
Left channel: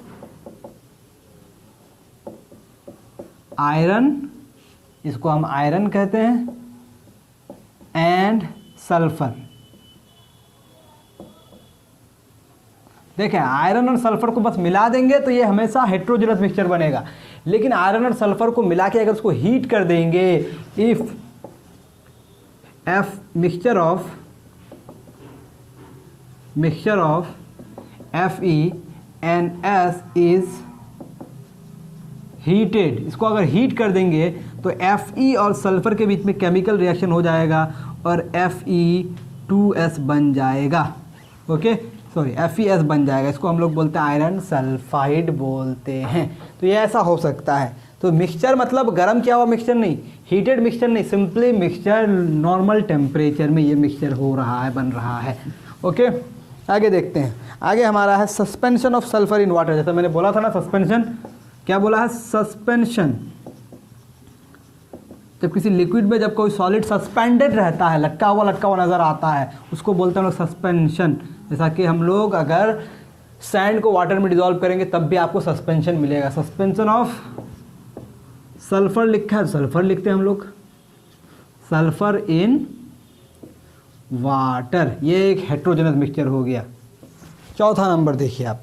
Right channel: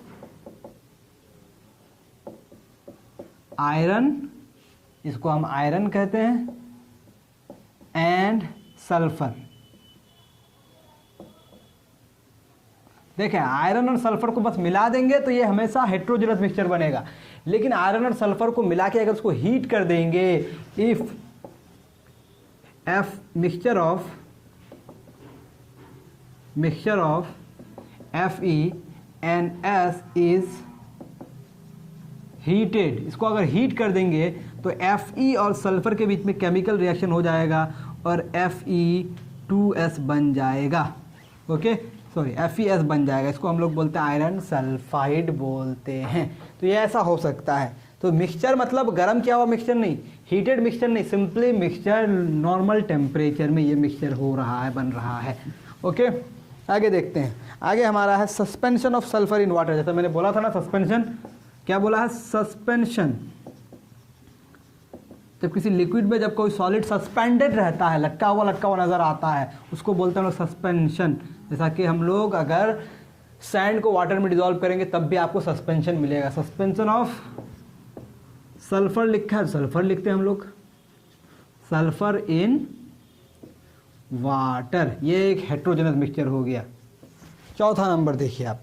iron, इसको हम आयरन कहते हैं, एंड सल्फर। देखें, आयरन और सल्फर को बस मिला देंगे तो ये हमेशा हेट्रोजेनस मिक्सचर बनेगा, लेकिन आयरन और सल्फर को मिला के अगर उसको हीट कर देंगे, if mixture of FeNS is heated, इसको अगर हीट कर देंगे तो Fe और सल्फर के बीच में केमिकल रिएक्शन हो जाएगा और Fe2S बन जाएगा, ओके, सॉरी FeS बन जाएगा। इसको हम लोग बोलते हैं आयरन सल्फाइड बोलते हैं। तो ये ऐसा हो सकता है। तो मिक्सचर मतलब गर्म किया हुआ मिक्सचर नहीं, हीटेड मिक्सचर नहीं, सिंपली मिक्सचर नॉर्मल टेम्परेचर में ये मिक्सचर हो रहा है, बन रहा है, ओके। आगे देखते हैं। आगे हमारा है suspension of sulphur in water. जैसा मैंने बोला था ना, सस्पेंशन, क्या बोला है? सस्पेंशन। जब किसी लिक्विड में जब कोई सॉलिड सस्पेंडेड रहता है, लटका हुआ नजर आता है, उसको बोलते हैं लोग सस्पेंशन। जैसा कि हम लोग अगर सैंड को वाटर में डिजोल्व करेंगे तब भी आपको सस्पेंशन मिलेगा। सस्पेंशन ऑफ सल्फर लिखा है, सल्फर लिखते हैं हम लोग, सल्फर इन वाटर, ये एक हेट्रोजेनस मिक्सचर हो गया। चौथा नंबर देखिए आप,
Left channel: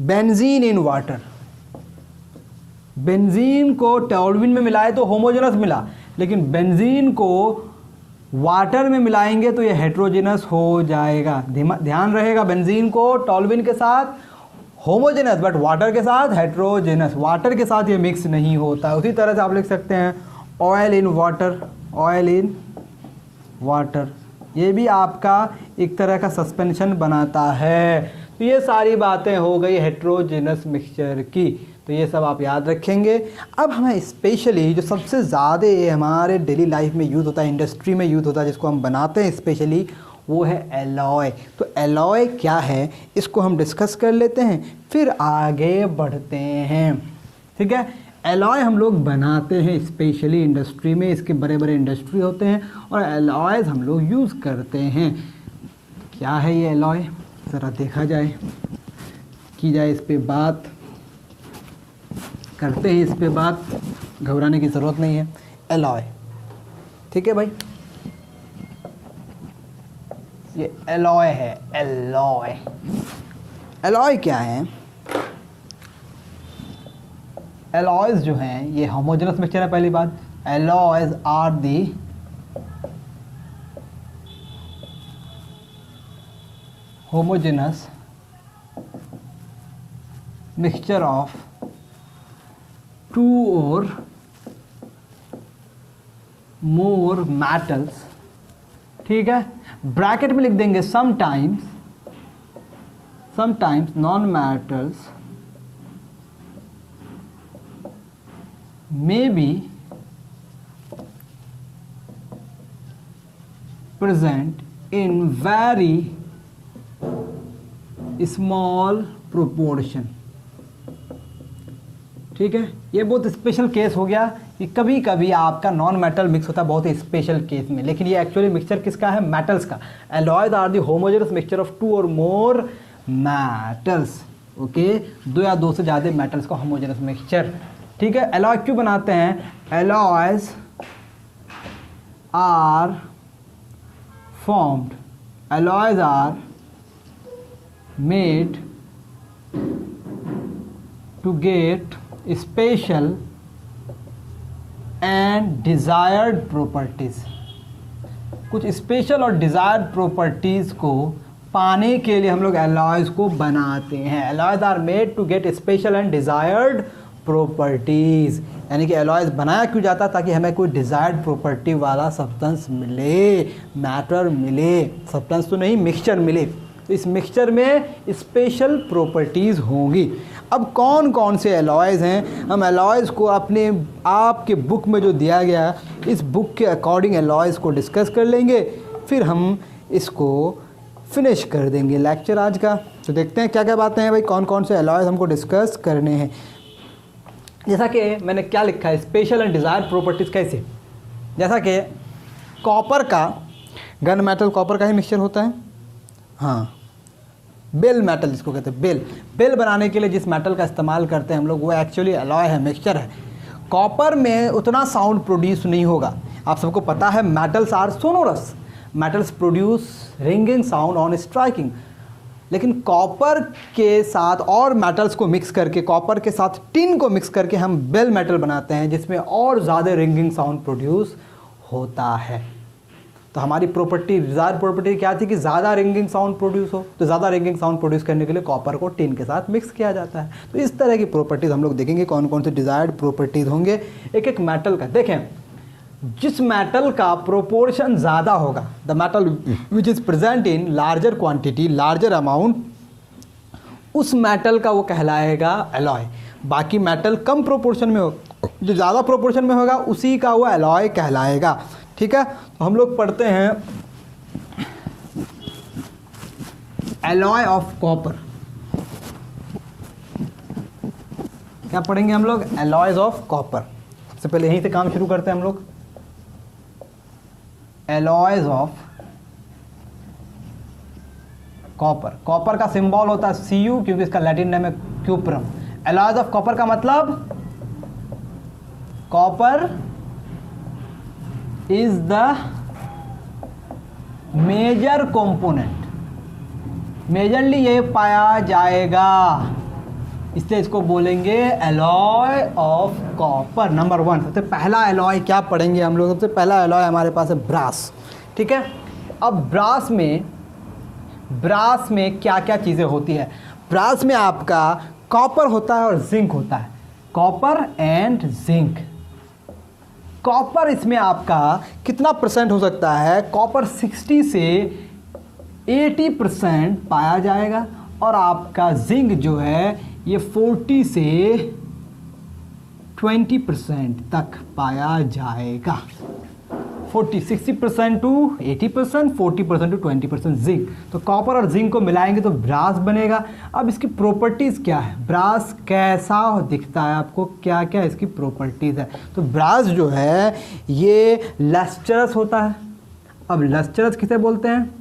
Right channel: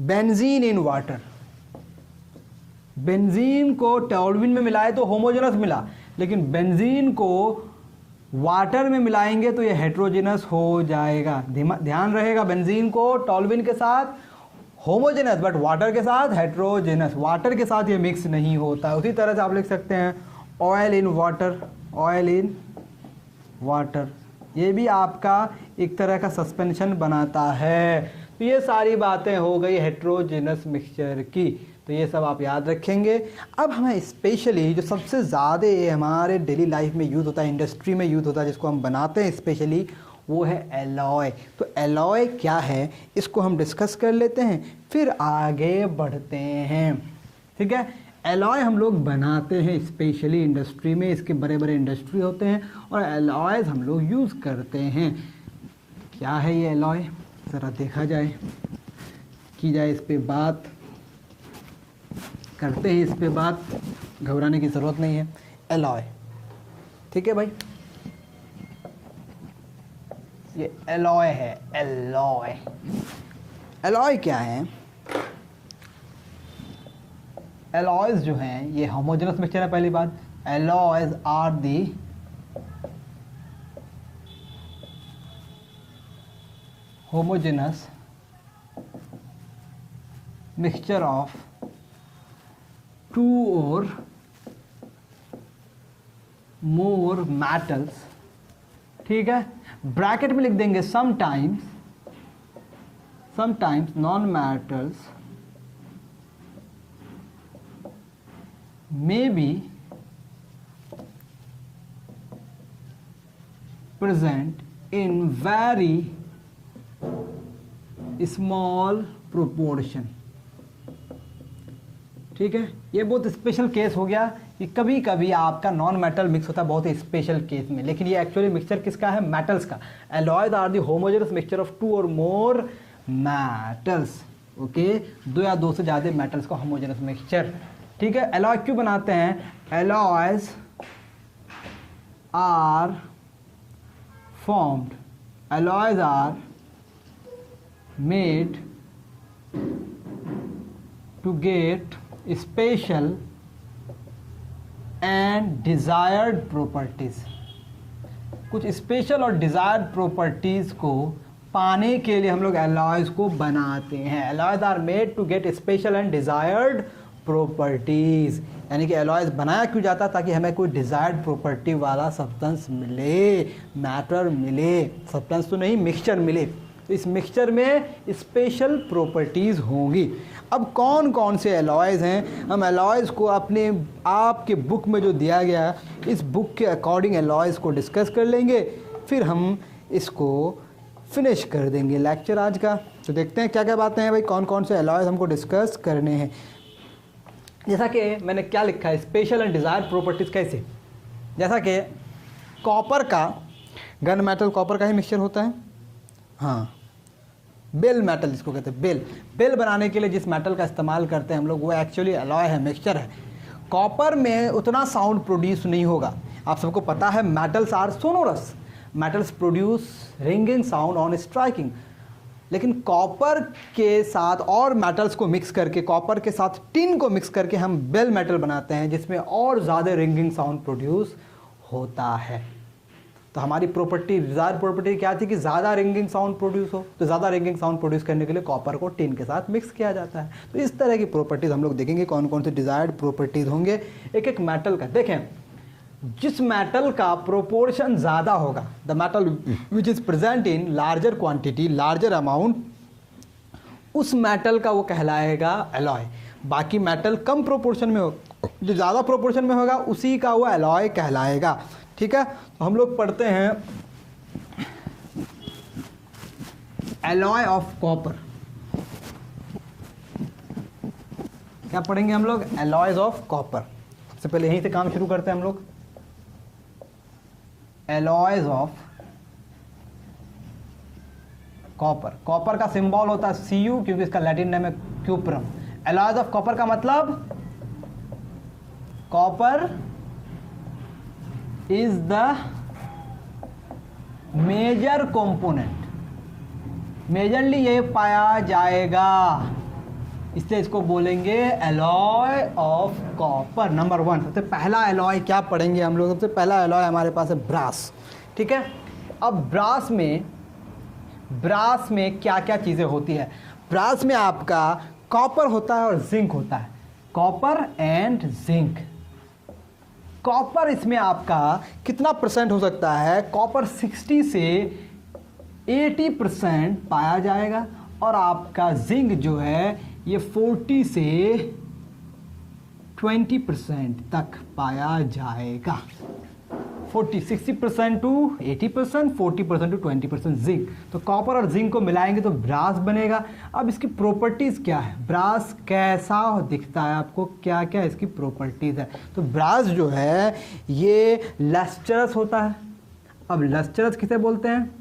बेंजीन इन वाटर। बेंजीन को टोल्यूइन में मिलाए तो होमोजेनस मिला, लेकिन बेंजीन को वाटर में मिलाएंगे तो ये हेट्रोजेनस हो जाएगा। ध्यान रहेगा, बेंजीन को टॉल्यूइन के साथ होमोजेनस, बट वाटर के साथ हेट्रोजेनस, वाटर के साथ ये मिक्स नहीं होता। उसी तरह से आप लिख सकते हैं oil in water, oil in water, ये भी आपका एक तरह का सस्पेंशन बनाता है। तो ये सारी बातें हो गई हेट्रोजेनस मिक्सचर की, तो ये सब आप याद रखेंगे। अब हमें स्पेशली जो सबसे ज़्यादा हमारे डेली लाइफ में यूज़ होता है, इंडस्ट्री में यूज़ होता है, जिसको हम बनाते हैं स्पेशली, वो है एलॉय। तो एलॉय क्या है इसको हम डिस्कस कर लेते हैं, फिर आगे बढ़ते हैं। ठीक है, एलॉय हम लोग बनाते हैं स्पेशली इंडस्ट्री में, इसके बड़े बड़े इंडस्ट्री होते हैं और एलॉयज हम लोग यूज़ करते हैं। क्या है ये एलॉय, ज़रा देखा जाए, की जाए इस पे बात, करते हैं इस पे बात, घबराने की ज़रूरत नहीं है। एलॉय, ठीक है भाई, ये एलॉय है। एलॉय, एलॉय क्या है? एलॉयज जो हैं ये होमोजेनस मिक्सचर है। पहली बात, alloys are the homogeneous mixture of two or more metals. ठीक है, ब्रैकेट में लिख देंगे sometimes non metals may be present in very small proportion। ठीक है, ये बहुत स्पेशल केस हो गया कि कभी कभी आपका नॉन मेटल मिक्स होता है बहुत ही स्पेशल केस में, लेकिन ये एक्चुअली मिक्सचर किसका है? मेटल्स का। Alloys are the homogeneous mixture of two or more metals. Okay, दो या दो से ज़्यादा मेटल्स का होमोजेनस मिक्सचर। ठीक है, एलॉय क्यों बनाते हैं? Alloys are formed, alloys are made to get special and desired properties. कुछ स्पेशल और डिजायर्ड प्रॉपर्टीज को पाने के लिए हम लोग एलॉयज को बनाते हैं। Alloys are made to get special and desired properties, यानी कि एलॉयज बनाया क्यों जाता, ताकि हमें कोई डिजायर्ड प्रॉपर्टी वाला सब्सटेंस मिले, मैटर मिले, सब्सटेंस तो नहीं मिक्सचर मिले। तो इस मिक्सचर में स्पेशल प्रॉपर्टीज़ होंगी। अब कौन कौन से एलॉयज हैं, हम एलॉयज को अपने आपके बुक में जो दिया गया इस बुक के अकॉर्डिंग एलॉयज को डिस्कस कर लेंगे, फिर हम इसको फिनिश कर देंगे लेक्चर आज का। तो देखते हैं क्या क्या बातें हैं भाई, कौन कौन से एलॉयज हमको डिस्कस करने हैं। जैसा कि मैंने क्या लिखा है, स्पेशल एंड डिज़ायर्ड प्रॉपर्टीज़ कैसे, जैसा कि कॉपर का, गन मेटल कॉपर का ही मिक्सचर होता है। हाँ, बेल मेटल जिसको कहते हैं, बेल बनाने के लिए जिस मेटल का इस्तेमाल करते हैं हम लोग, वो एक्चुअली एलॉय है, मिक्सचर है। कॉपर में उतना साउंड प्रोड्यूस नहीं होगा, आप सबको पता है metals are sonorous, metals produce ringing sound on striking. लेकिन कॉपर के साथ और मेटल्स को मिक्स करके, कॉपर के साथ टिन को मिक्स करके हम बेल मेटल बनाते हैं, जिसमें और ज़्यादा रिंगिंग साउंड प्रोड्यूस होता है। तो हमारी प्रॉपर्टी, डिजायर्ड प्रॉपर्टी क्या थी कि ज़्यादा रिंगिंग साउंड प्रोड्यूस हो, तो ज़्यादा रिंगिंग साउंड प्रोड्यूस करने के लिए कॉपर को टिन के साथ मिक्स किया जाता है। तो इस तरह की प्रॉपर्टीज़ हम लोग देखेंगे, कौन कौन से डिजायर्ड प्रॉपर्टीज़ होंगे एक एक मेटल का। देखें, जिस मेटल का प्रोपोर्शन ज़्यादा होगा, the metal which is present in larger quantity, larger amount, उस मेटल का वो कहलाएगा एलॉय। बाकी मेटल कम प्रोपोर्शन में हो, जो ज़्यादा प्रोपोर्शन में होगा उसी का वो एलॉय कहलाएगा। ठीक है, तो हम लोग पढ़ते हैं एलॉय ऑफ कॉपर। क्या पढ़ेंगे हम लोग? Alloys of copper. सबसे पहले यहीं से काम शुरू करते हैं हम लोग। एलॉयज ऑफ कॉपर, कॉपर का सिंबल होता है Cu, क्योंकि इसका लैटिन नेम है क्यूप्रम। एलॉयज ऑफ कॉपर का मतलब, copper is the major component, majorly ये पाया जाएगा इसलिए इसको बोलेंगे एलॉय ऑफ कॉपर। नंबर 1 सबसे पहला एलॉय क्या पढ़ेंगे हम लोग? सबसे पहला एलॉय हमारे पास है ब्रास। ठीक है, अब ब्रास में क्या क्या चीज़ें होती है? ब्रास में आपका कॉपर होता है और जिंक होता है, कॉपर एंड जिंक। कॉपर इसमें आपका कितना परसेंट हो सकता है? कॉपर 60 से 80% पाया जाएगा, और आपका जिंक जो है ये 40 से 20% तक पाया जाएगा। 60% टू 80%, 40% टू 20% जिंक। तो कॉपर और जिंक को मिलाएंगे तो ब्रास बनेगा। अब इसकी प्रॉपर्टीज़ क्या है? ब्रास कैसा दिखता है आपको? क्या क्या इसकी प्रॉपर्टीज़ है? तो ब्रास जो है ये लस्टरस होता है। अब लस्टरस किसे बोलते हैं?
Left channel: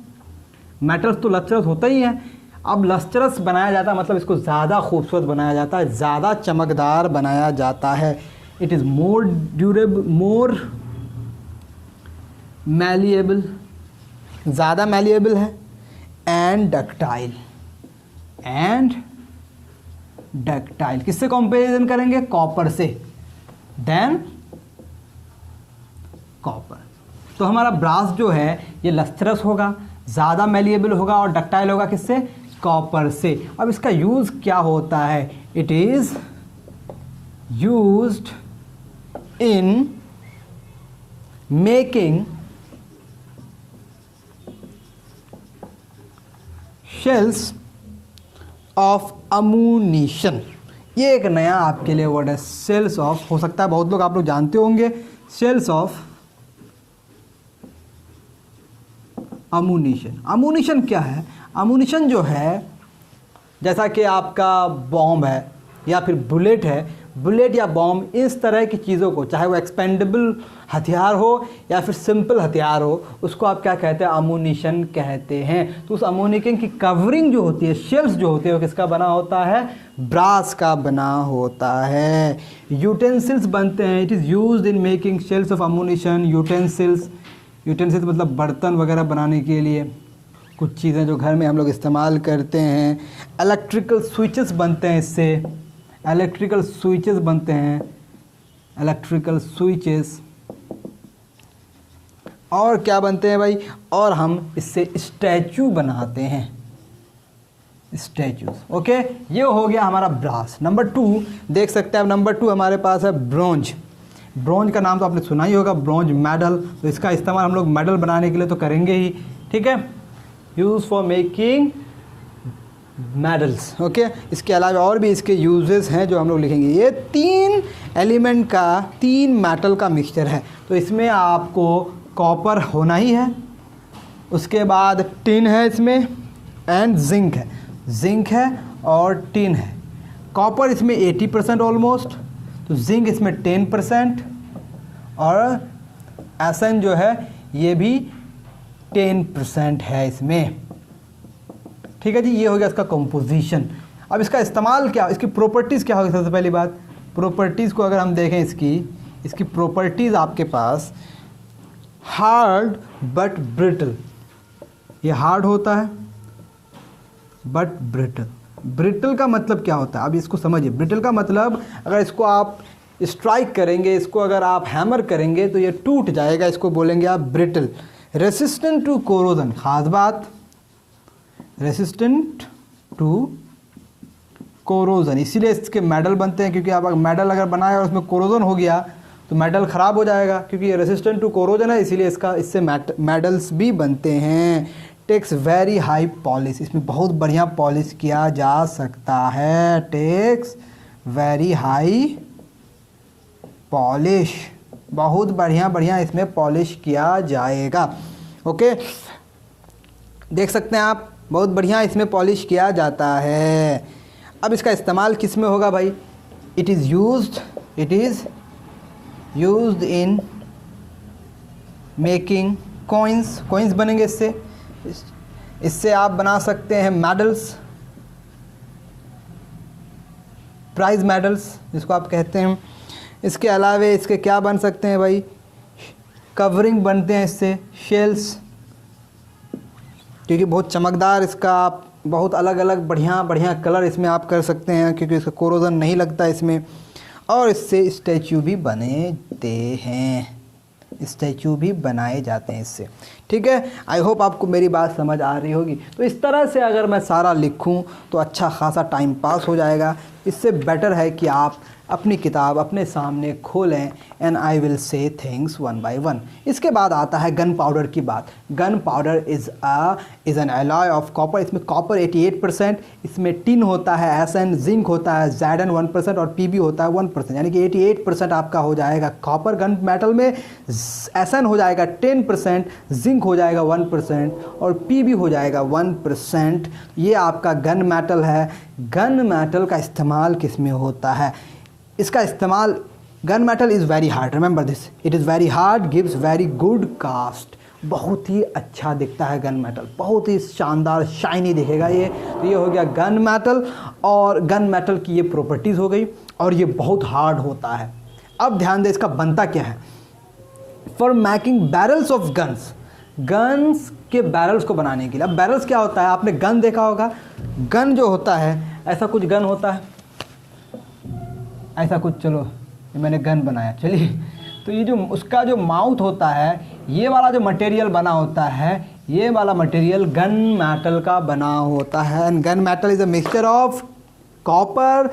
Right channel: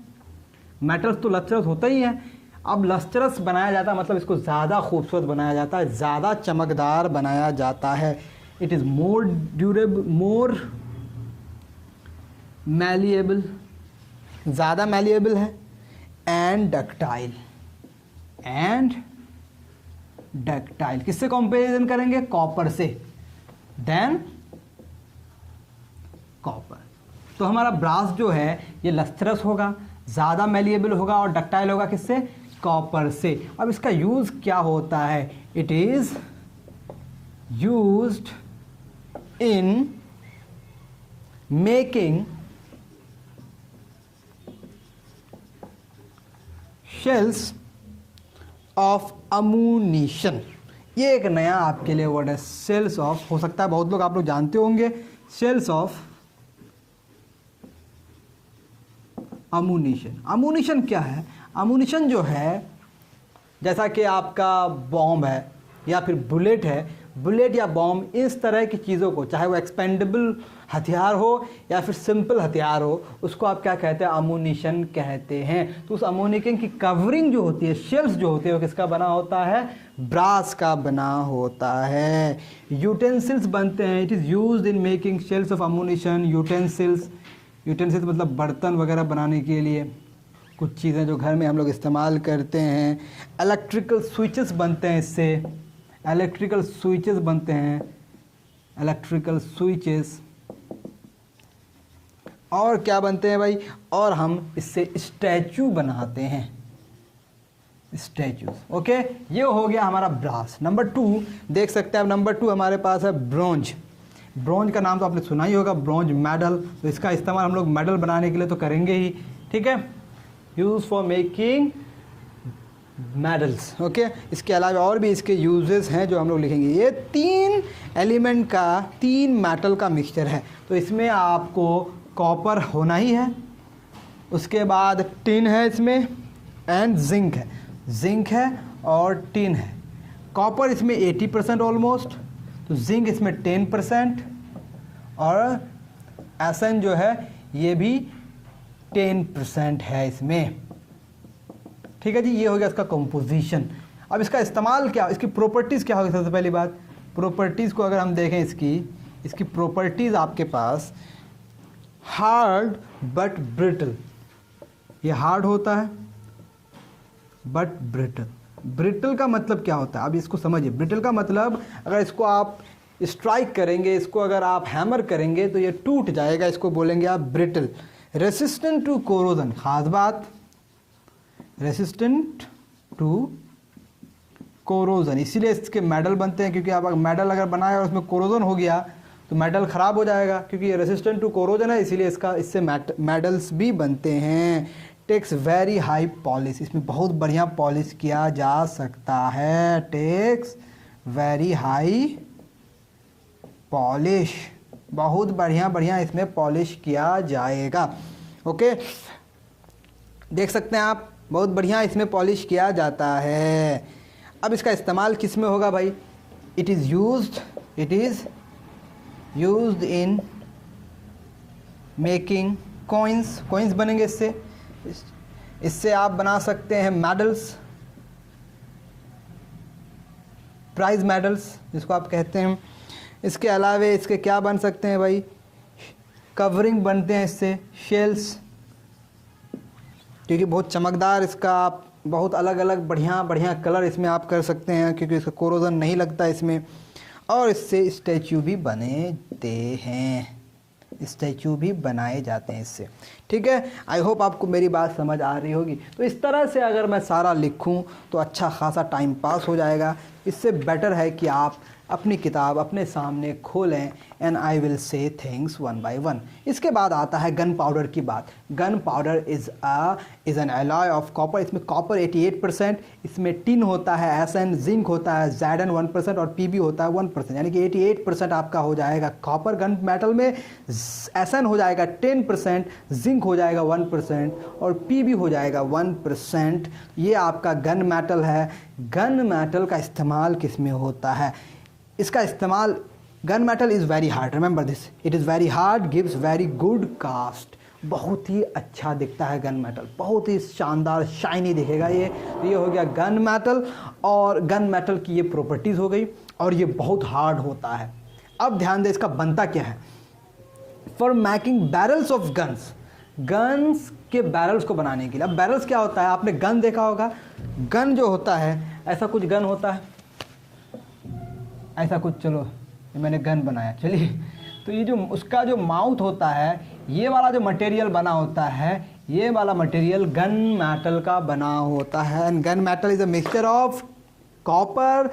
मेटल्स तो लस्टरस होता ही है। अब लस्टरस बनाया जाता है मतलब इसको ज़्यादा खूबसूरत बनाया जाता है, ज़्यादा चमकदार बनाया जाता है। It is more durable, more malleable, ज़्यादा मैलिएबल है, एंड डक्टाइल। किससे कंपैरिजन करेंगे? कॉपर से, देन कॉपर। तो हमारा ब्रास जो है ये लस्टरस होगा, ज़्यादा मैलिएबल होगा और डक्टाइल होगा। किससे? कॉपर से। अब इसका यूज़ क्या होता है? It is used in making shells of ammunition. ये एक नया आपके लिए वर्ड है, सेल्स ऑफ। हो सकता है बहुत लोग आप लोग जानते होंगे, सेल्स ऑफ अम्यूनिशन। अम्यूनिशन क्या है? अम्यूनिशन जो है जैसा कि आपका बॉम्ब है या फिर बुलेट है, बुलेट या बॉम्ब, इस तरह की चीज़ों को, चाहे वो एक्सपेंडेबल हथियार हो या फिर सिंपल हथियार हो, उसको आप क्या कहते हैं? अम्यूनिशन कहते हैं। तो उस अम्यूनिशन की कवरिंग जो होती है, शेल्स जो होती है, वो किसका बना होता है? ब्रास का बना होता है। यूटेंसिल्स बनते हैं। It is used in making shells of ammunition. Utensils मतलब बर्तन वगैरह बनाने के लिए कुछ चीज़ें जो घर में हम लोग इस्तेमाल करते हैं। इलेक्ट्रिकल स्विचेस बनते हैं इससे, इलेक्ट्रिकल स्विचेस बनते हैं, इलेक्ट्रिकल स्विचेस। और क्या बनते हैं भाई? और हम इससे स्टैचू बनाते हैं, स्टैचूज। ओके, ये हो गया हमारा ब्रास। नंबर 2 देख सकते हैं। अब नंबर 2 हमारे पास है ब्रोंज। ब्रोंज का नाम तो आपने सुना ही होगा, ब्रोंज मेडल। तो इसका इस्तेमाल हम लोग मेडल बनाने के लिए तो करेंगे ही। ठीक है, use for making medals. Okay, इसके अलावा और भी इसके यूजेस हैं जो हम लोग लिखेंगे। ये 3 एलिमेंट का, 3 मेटल का मिक्सचर है। तो इसमें आपको कॉपर होना ही है, उसके बाद टिन है इसमें, एंड जिंक है और टिन है। कॉपर इसमें 80% ऑलमोस्ट, तो जिंक इसमें 10%, और एसन जो है ये भी 10% है इसमें। ठीक है जी, ये हो गया इसका कंपोजिशन। अब इसका इस्तेमाल क्या, इसकी प्रॉपर्टीज़ क्या होगी? सबसे पहली बात, प्रॉपर्टीज़ को अगर हम देखें, इसकी प्रॉपर्टीज़ आपके पास हार्ड बट ब्रिटल। ये हार्ड होता है बट ब्रिटल। ब्रिटल का मतलब क्या होता है? अब इसको समझिए। ब्रिटल का मतलब अगर इसको आप स्ट्राइक करेंगे, इसको अगर आप हैमर करेंगे तो ये टूट जाएगा, इसको बोलेंगे आप ब्रिटल। रेसिस्टेंट टू कोरोजन, खास बात, रेसिस्टेंट टू कोरोजन। इसीलिए इसके मेडल बनते हैं, क्योंकि आप मेडल अगर बनाए और उसमें कोरोजन हो गया तो मेडल ख़राब हो जाएगा, क्योंकि ये रेसिस्टेंट टू कोरोजन है, इसीलिए इससे मेडल्स भी बनते हैं। टेक्स वेरी हाई पॉलिश, इसमें बहुत बढ़िया पॉलिश किया जा सकता है। टेक्स वेरी हाई पॉलिश, बहुत बढ़िया इसमें पॉलिश किया जाएगा। ओके, देख सकते हैं आप, बहुत बढ़िया इसमें पॉलिश किया जाता है। अब इसका इस्तेमाल किस में होगा भाई? It is used in making coins बनेंगे इससे आप बना सकते हैं मेडल्स, प्राइज मेडल्स जिसको आप कहते हैं। इसके अलावे इसके क्या बन सकते हैं भाई? कवरिंग बनते हैं इससे, शेल्स, क्योंकि बहुत चमकदार इसका आप बहुत अलग अलग बढ़िया बढ़िया कलर इसमें आप कर सकते हैं, क्योंकि इसका कोरोजन नहीं लगता इसमें। और इससे स्टैचू भी बनते हैं, स्टैचू भी बनाए जाते हैं इससे। ठीक है, आई होप आपको मेरी बात समझ आ रही होगी। तो इस तरह से अगर मैं सारा लिखूं तो अच्छा खासा टाइम पास हो जाएगा। इससे बेटर है कि आप अपनी किताब अपने सामने खोलें and I will say things one by one. इसके बाद आता है गन पाउडर की बात। Gun powder is an alloy of copper. इसमें कॉपर 88%, इसमें टिन होता है SN, जिंक होता है ZN 1% और PB होता है 1%, यानी कि 88% आपका हो जाएगा कॉपर गन मेटल में, SN हो जाएगा 10%, जिंक हो जाएगा 1% और PB हो जाएगा 1%। ये आपका गन मेटल है। गन मेटल का इस्तेमाल किस में होता है? इसका इस्तेमाल, gun metal is very hard, remember this, it is very hard, gives very good cast. बहुत ही अच्छा दिखता है गन मेटल, बहुत ही शानदार शाइनी दिखेगा ये। तो ये हो गया गन मेटल, और गन मेटल की ये प्रॉपर्टीज़ हो गई, और ये बहुत हार्ड होता है। अब ध्यान दें इसका बनता क्या है। For making barrels of guns, guns के बैरल्स को बनाने के लिए। अब बैरल्स क्या होता है, आपने गन देखा होगा। गन जो होता है, ऐसा कुछ गन होता है, ऐसा कुछ, चलो ये मैंने गन बनाया, चलिए। तो ये जो उसका जो माउथ होता है, ये वाला जो मटेरियल बना होता है, ये वाला मटेरियल गन मेटल का बना होता है। And gun metal is a mixture of copper,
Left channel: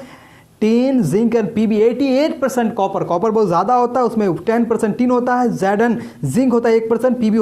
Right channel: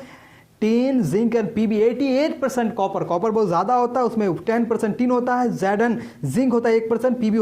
tin, zinc and PB। 88% copper, copper बहुत ज़्यादा होता है, उसमें 10% टिन होता है, ZN जिंक होता है 1%, PB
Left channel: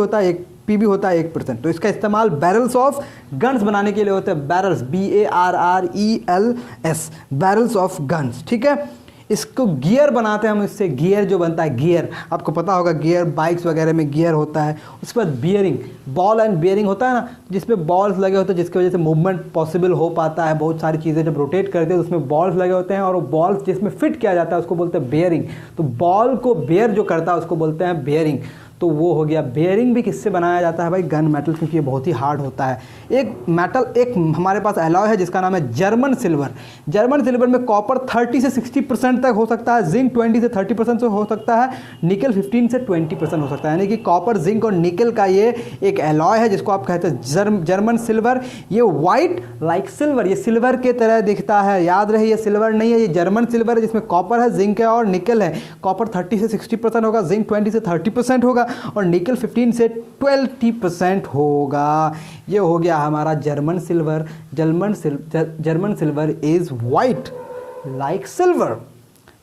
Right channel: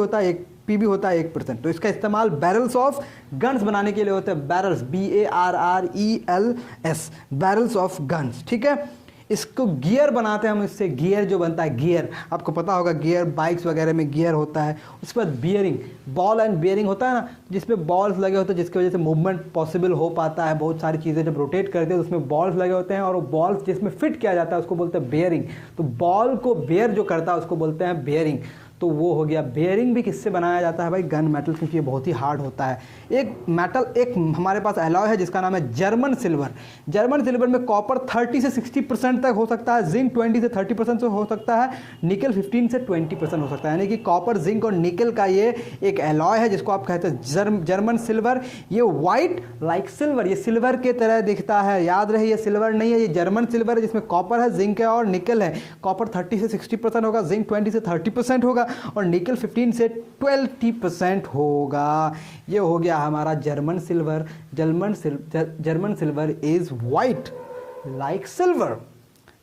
होता है 1%। तो इसका इस्तेमाल बैरल्स ऑफ गन्स बनाने के लिए होता है। Barrels, BARRELS, barrels of guns. ठीक है, इसको गियर बनाते हैं हम, इससे गियर जो बनता है, गियर आपको पता होगा, गियर बाइक्स वगैरह में गियर होता है। उसके बाद बियरिंग, बॉल एंड बियरिंग होता है ना, जिसमें बॉल्स लगे होते हैं, जिसकी वजह से मूवमेंट पॉसिबल हो पाता है। बहुत सारी चीज़ें जब रोटेट करते हैं तो उसमें बॉल्स लगे होते हैं, और वो बॉल्स जिसमें फिट किया जाता है उसको बोलते हैं बियरिंग। तो बॉल को बेयर जो करता है उसको बोलते हैं बियरिंग। तो वो हो गया। बेयरिंग भी किससे बनाया जाता है भाई? गन मेटल, क्योंकि ये बहुत ही हार्ड होता है। एक मेटल, एक हमारे पास एलॉय है जिसका नाम है जर्मन सिल्वर। जर्मन सिल्वर में कॉपर 30 से 60% तक हो सकता है, जिंक 20 से 30% से हो सकता है, निकल 15 से 20% हो सकता है। यानी कि कॉपर, जिंक और निकल का ये एक एलॉय है जिसको आप कहते हैं जर्मन सिल्वर। ये वाइट लाइक सिल्वर, ये सिल्वर के तरह दिखता है। याद रहे, ये सिल्वर नहीं है, ये जर्मन सिल्वर है जिसमें कॉपर है, जिंक है और निकल है। कॉपर 30 से 60% होगा, जिंक 20 से 30% होगा और निकल 15 से 20% होगा। ये हो गया हमारा German silver. German silver is white like silver,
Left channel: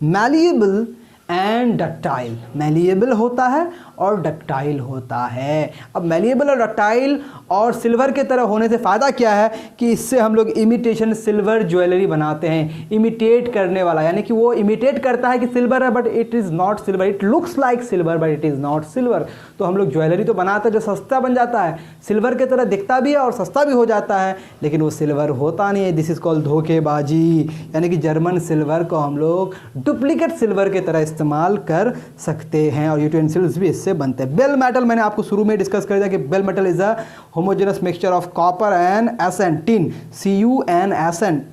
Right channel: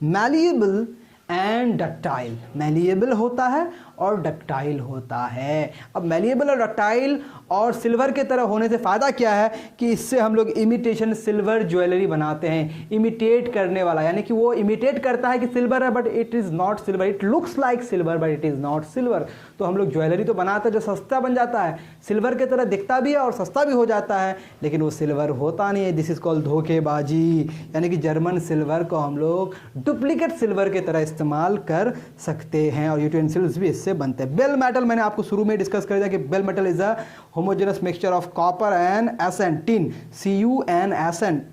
malleable and ductile. Malleable होता है और डक्टाइल होता है। अब मैलिएबल और डक्टाइल और सिल्वर के तरह होने से फ़ायदा क्या है कि इससे हम लोग इमिटेशन सिल्वर ज्वेलरी बनाते हैं। इमिटेट करने वाला, यानी कि वो इमिटेट करता है कि सिल्वर है but it is not silver, it looks like silver but it is not silver. तो हम लोग ज्वेलरी तो बनाते हैं जो सस्ता बन जाता है, सिल्वर के तरह दिखता भी है और सस्ता भी हो जाता है, लेकिन वो सिल्वर होता नहीं है। दिस इज़ कॉल्ड धोखेबाजी। यानी कि जर्मन सिल्वर को हम लोग डुप्लीकेट सिल्वर के तरह इस्तेमाल कर सकते हैं और यूटेंसिल्स भी इससे बनते हैं। बेल मेटल मैंने आपको शुरू में डिस्कस कर दिया कि bell metal is a homogeneous mixture of copper and SN, tin, CuN,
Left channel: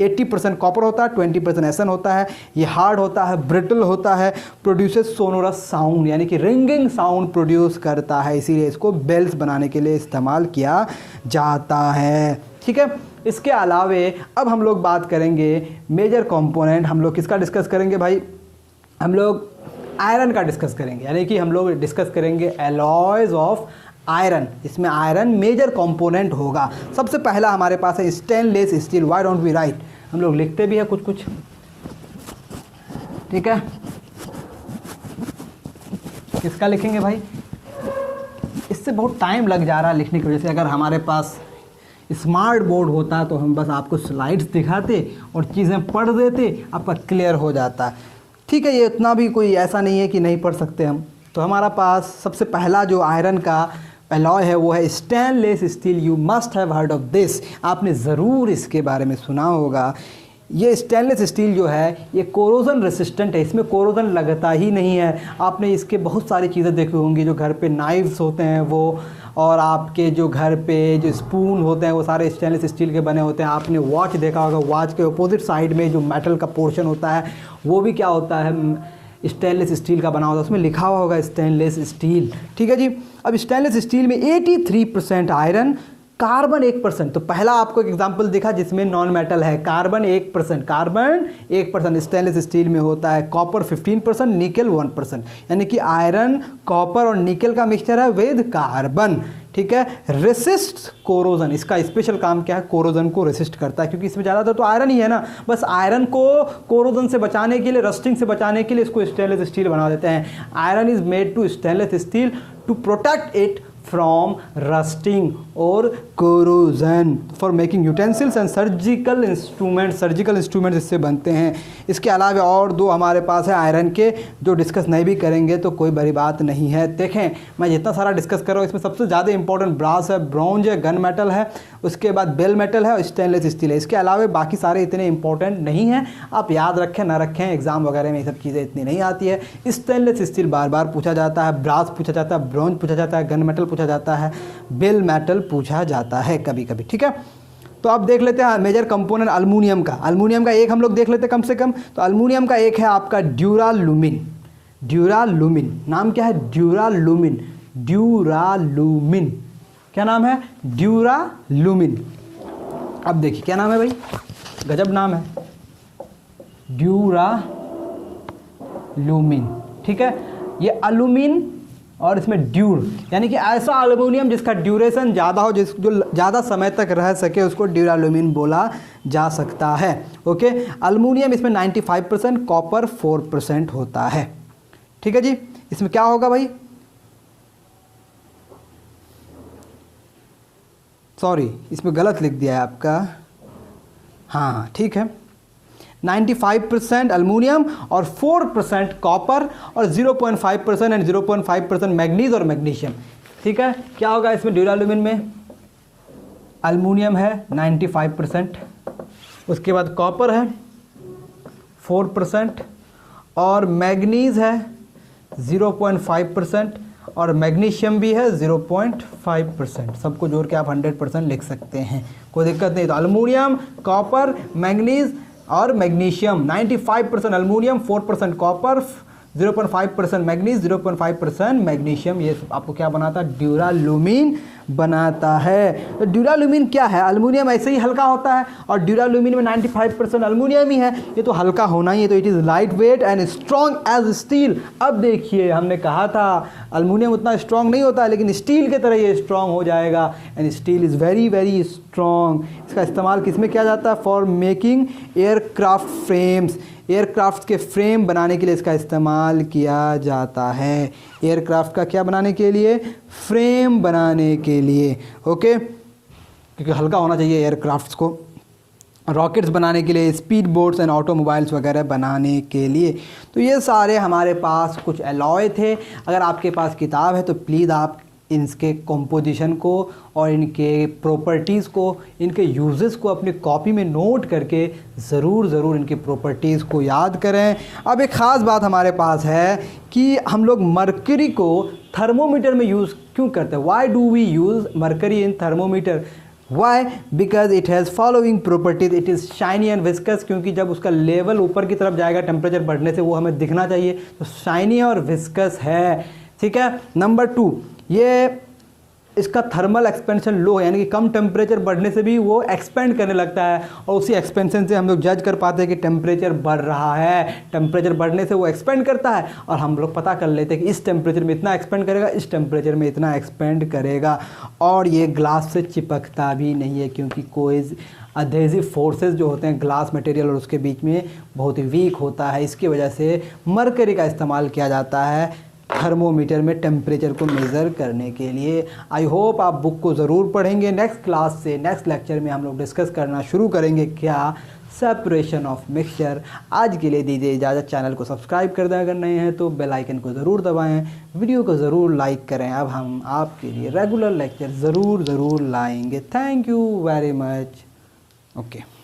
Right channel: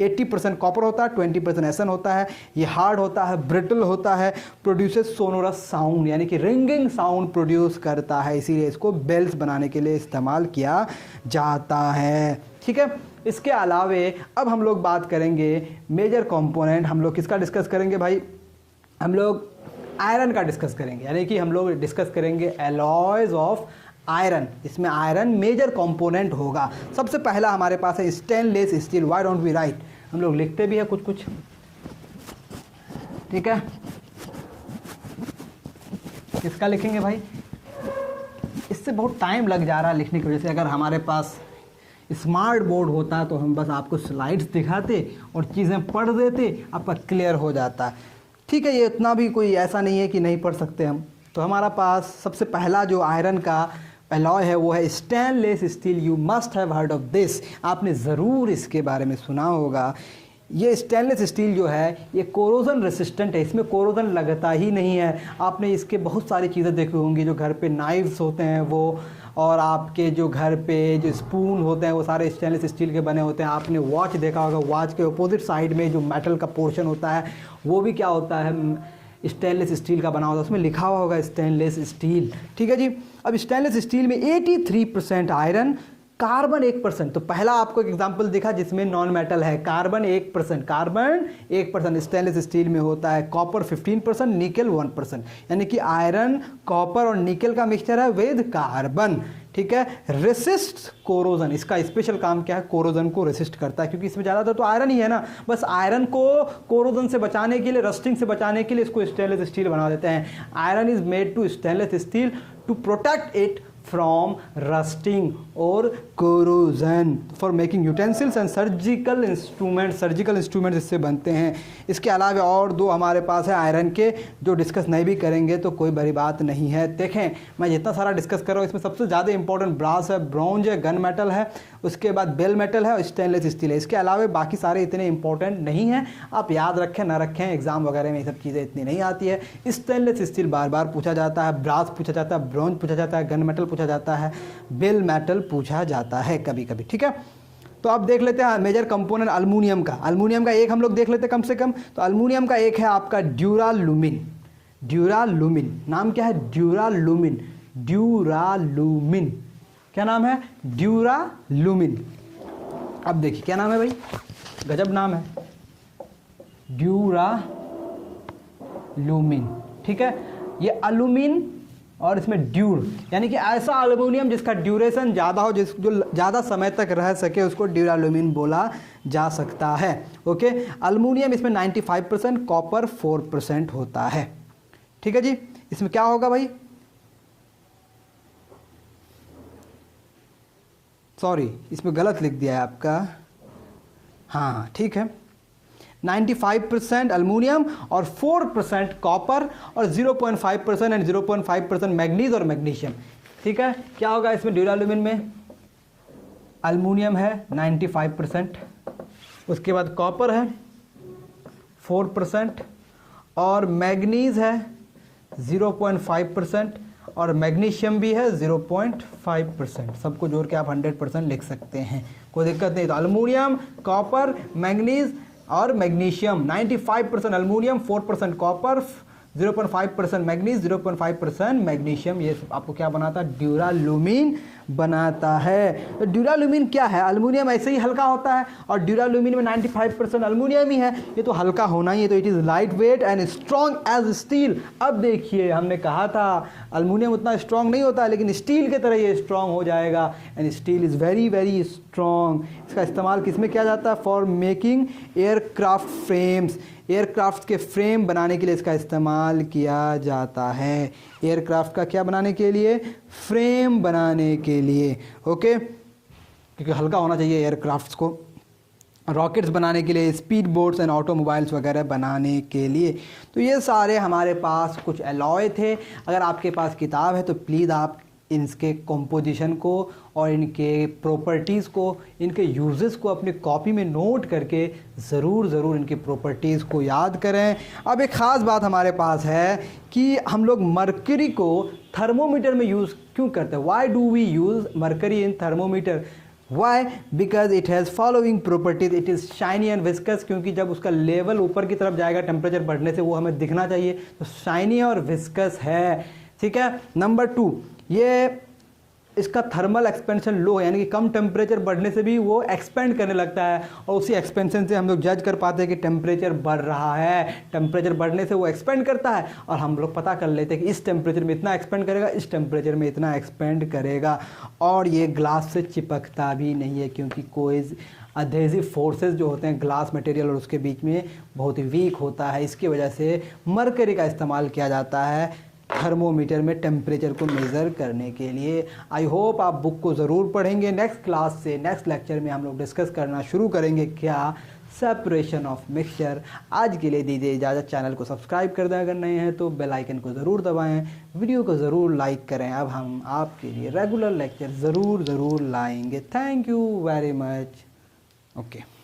80% copper होता है, 20% SN होता है। ये हार्ड होता है, ब्रिटल होता है, प्रोड्यूसेस सोनोरस साउंड, यानी कि रिंगिंग साउंड प्रोड्यूस करता है, इसीलिए इसको बेल्स बनाने के लिए इस्तेमाल किया जाता है। ठीक है, इसके अलावे अब हम लोग बात करेंगे मेजर कंपोनेंट। हम लोग किसका डिस्कस करेंगे भाई? हम लोग आयरन का डिस्कस करेंगे, यानी कि हम लोग डिस्कस करेंगे एलॉयज ऑफ आयरन। इसमें आयरन मेजर कंपोनेंट होगा। सबसे पहला हमारे पास है stainless steel. Why don't we write? हम लोग लिखते भी हैं कुछ कुछ, ठीक है। किसका लिखेंगे भाई? इससे बहुत टाइम लग जा रहा है लिखने की वजह से। अगर हमारे पास स्मार्ट बोर्ड होता तो हम बस आपको स्लाइड्स दिखाते और चीज़ें पढ़ देते, आपका क्लियर हो जाता। ठीक है, ये इतना भी कोई ऐसा नहीं है कि नहीं पढ़ सकते हम। तो हमारा पास सबसे पहला जो आयरन का एलॉय है वो है stainless steel. You must have heard of this, आपने ज़रूर इसके बारे में सुना होगा। ये स्टेनलेस स्टील जो है ये कोरोजन रेसिस्टेंट है, इसमें कोरोजन लगता ही नहीं है। आपने इसके बहुत सारी चीज़ें देखी होंगी, जो घर पे नाइफ्स होते हैं वो, और आपके जो घर पे जो स्पून होते हैं वो सारे स्टेनलेस स्टील के बने होते हैं। आपने वॉच देखा होगा, वॉच के अपोजिट साइड में जो मेटल का पोर्शन होता है वो भी क्या होता है? स्टेनलेस स्टील का बना होता है, उसमें लिखा हुआ होगा स्टेनलेस स्टील। ठीक है जी। अब स्टेनलेस स्टील में 83% आयरन, कार्बन 1%, तो पहला आपको एक एग्जांपल दिखा जिसमें नॉन मेटल है, कार्बन 1%, कार्बन 1% स्टेनलेस स्टील में होता है, कॉपर 15%, निकल 1%, यानी कि आयरन, कॉपर और निकल का मिक्सचर है विद कार्बन, ठीक है। रेसिस्ट कोरोजन, इसका स्पेशल काम क्या है, कोरोजन को रेसिस्ट करता है, क्योंकि इसमें ज़्यादातर तो आयरन ही है ना, बस आयरन को कोरोजन से बचाने के लिए, रस्टिंग से बचाने के लिए इसको स्टेनलेस स्टील बना देते हैं। Iron is made to stainless steel to protect it from rusting or corrosion for making utensils and surgical instruments इससे बनते हैं। इसके अलावा और दो हमारे पास है आयरन के, जो डिस्कस नहीं भी करेंगे तो कोई बड़ी बात नहीं है। देखें मैं जितना सारा डिस्कस कर रहा हूँ इसमें सबसे ज़्यादा इंपॉर्टेंट ब्रास है, ब्रॉन्ज है, गन मेटल है, उसके बाद बेल मेटल है और स्टेनलेस स्टील है। इसके अलावा बाकी सारे इतने इंपॉर्टेंट नहीं हैं, आप याद रखें ना रखें, एग्जाम वगैरह में ये सब चीज़ें इतनी नहीं आती है। स्टेनलेस स्टील बार बार पूछा जाता है, ब्रास पूछा जाता है, ब्रॉन्ज पूछा जाता है, गन मेटल पूछा जाता है, बेल मेटल पूछा जाता है कभी कभी, ठीक है। तो अब देख लेते हैं मेजर कंपोनेंट अल्मीनियम का। अल्मीनियम का एक हम लोग देख लेते हैं कम से कम। तो अल्मीनियम का एक है आपका ड्यूरालुमिन। ड्यूरालुमिन नाम क्या है, ड्यूरालुमिन, ड्यूरालुमिन, क्या नाम है, ड्यूरालुमिन। अब देखिए क्या नाम है भाई, गजब नाम है, ड्यूरालुमिन, ठीक है। ये अल्यूमिन और इसमें ड्यूर, यानी कि ऐसा अल्युमिनियम जिसका ड्यूरेशन ज़्यादा हो, जो ज़्यादा समय तक रह सके, उसको ड्यूरालुमिन बोला जा सकता है। ओके, अल्युमिनियम इसमें 95%, कॉपर 4% होता है, ठीक है जी। इसमें क्या होगा भाई, सॉरी इसमें गलत लिख दिया है आपका, हाँ ठीक है, 95% अल्मीनियम और 4% कॉपर और 0.5% एंड 0.5% मैग्नीज और मैग्नीशियम, ठीक है। क्या होगा इसमें ड्यूरालुमिन में, अल्मीनियम है 95%, उसके बाद कॉपर है 4% और मैग्नीज है 0.5% और मैग्नीशियम भी है 0.5%। सबको जोड़ के आप 100% लिख सकते हैं, कोई दिक्कत नहीं। तो अल्मीनियम, कॉपर, मैग्नीज और magnesium, 95% aluminium, 4% copper, 0.5% manganese, 0.5% magnesium, ये आपको क्या बनाता है, ड्यूरालुमिन बनाता है। तो ड्यूरालुमिन क्या है, अल्मीनियम ऐसे ही हल्का होता है और ड्यूरालुमिन में 95% अल्मीनियम ही है, ये तो हल्का होना ही है, तो it is light weight and strong as steel. अब देखिए हमने कहा था अल्मीनियम उतना स्ट्रॉन्ग नहीं होता है, लेकिन स्टील की तरह ये स्ट्रॉन्ग हो जाएगा, and steel is very very strong. इसका इस्तेमाल किस में किया जाता है, for making aircraft frames, aircraft के फ्रेम बनाने के लिए इसका इस्तेमाल किया जाता है। एयरक्राफ्ट का क्या बनाने के लिए, फ्रेम बनाने के लिए, ओके, क्योंकि हल्का होना चाहिए एयरक्राफ्ट्स को, रॉकेट्स बनाने के लिए, स्पीड बोट्स एंड ऑटोमोबाइल्स वगैरह बनाने के लिए। तो ये सारे हमारे पास कुछ अलॉय थे। अगर आपके पास किताब है तो प्लीज़ आप इनके कंपोजिशन को और इनके प्रॉपर्टीज़ को, इनके यूजेस को अपनी कॉपी में नोट करके ज़रूर इनकी प्रॉपर्टीज़ को याद करें। अब एक ख़ास बात हमारे पास है कि हम लोग मरकरी को थर्मोमीटर में यूज़ क्यों करते हैं, why do we use mercury in thermometer, why, because it has following properties, it is shiny and viscous, क्योंकि जब उसका लेवल ऊपर की तरफ जाएगा टेम्परेचर बढ़ने से, वो हमें दिखना चाहिए, तो शाइनी और विस्कस है, ठीक है। नंबर 2, ये इसका थर्मल एक्सपेंशन लो है, यानी कि कम टेम्परेचर बढ़ने से भी वो एक्सपेंड करने लगता है, और उसी एक्सपेंशन से हम लोग जज कर पाते हैं कि टेम्परेचर बढ़ रहा है। टेम्परेचर बढ़ने से वो एक्सपेंड करता है और हम लोग पता कर लेते हैं कि इस टेम्परेचर में इतना एक्सपेंड करेगा, इस टेम्परेचर में इतना एक्सपेंड करेगा। और ये ग्लास से चिपकता भी नहीं है, क्योंकि कोई अधेसिव फोर्सेस जो होते हैं ग्लास मटेरियल और उसके बीच में बहुत ही वीक होता है। इसकी वजह से मरकरी का इस्तेमाल किया जाता है थर्मोमीटर में टेम्परेचर को मेज़र करने के लिए। आई होप आप बुक को ज़रूर पढ़ेंगे। नेक्स्ट क्लास से, नेक्स्ट लेक्चर में हम लोग डिस्कस करना शुरू करेंगे क्या, सेपरेशन ऑफ मिक्सचर। आज के लिए दीजिए इजाज़त, चैनल को सब्सक्राइब कर दें अगर नए हैं तो, बेल आइकन को ज़रूर दबाएं, वीडियो को ज़रूर लाइक करें। अब हम आपके लिए रेगुलर लेक्चर ज़रूर लाएंगे। Thank you very much. Okay.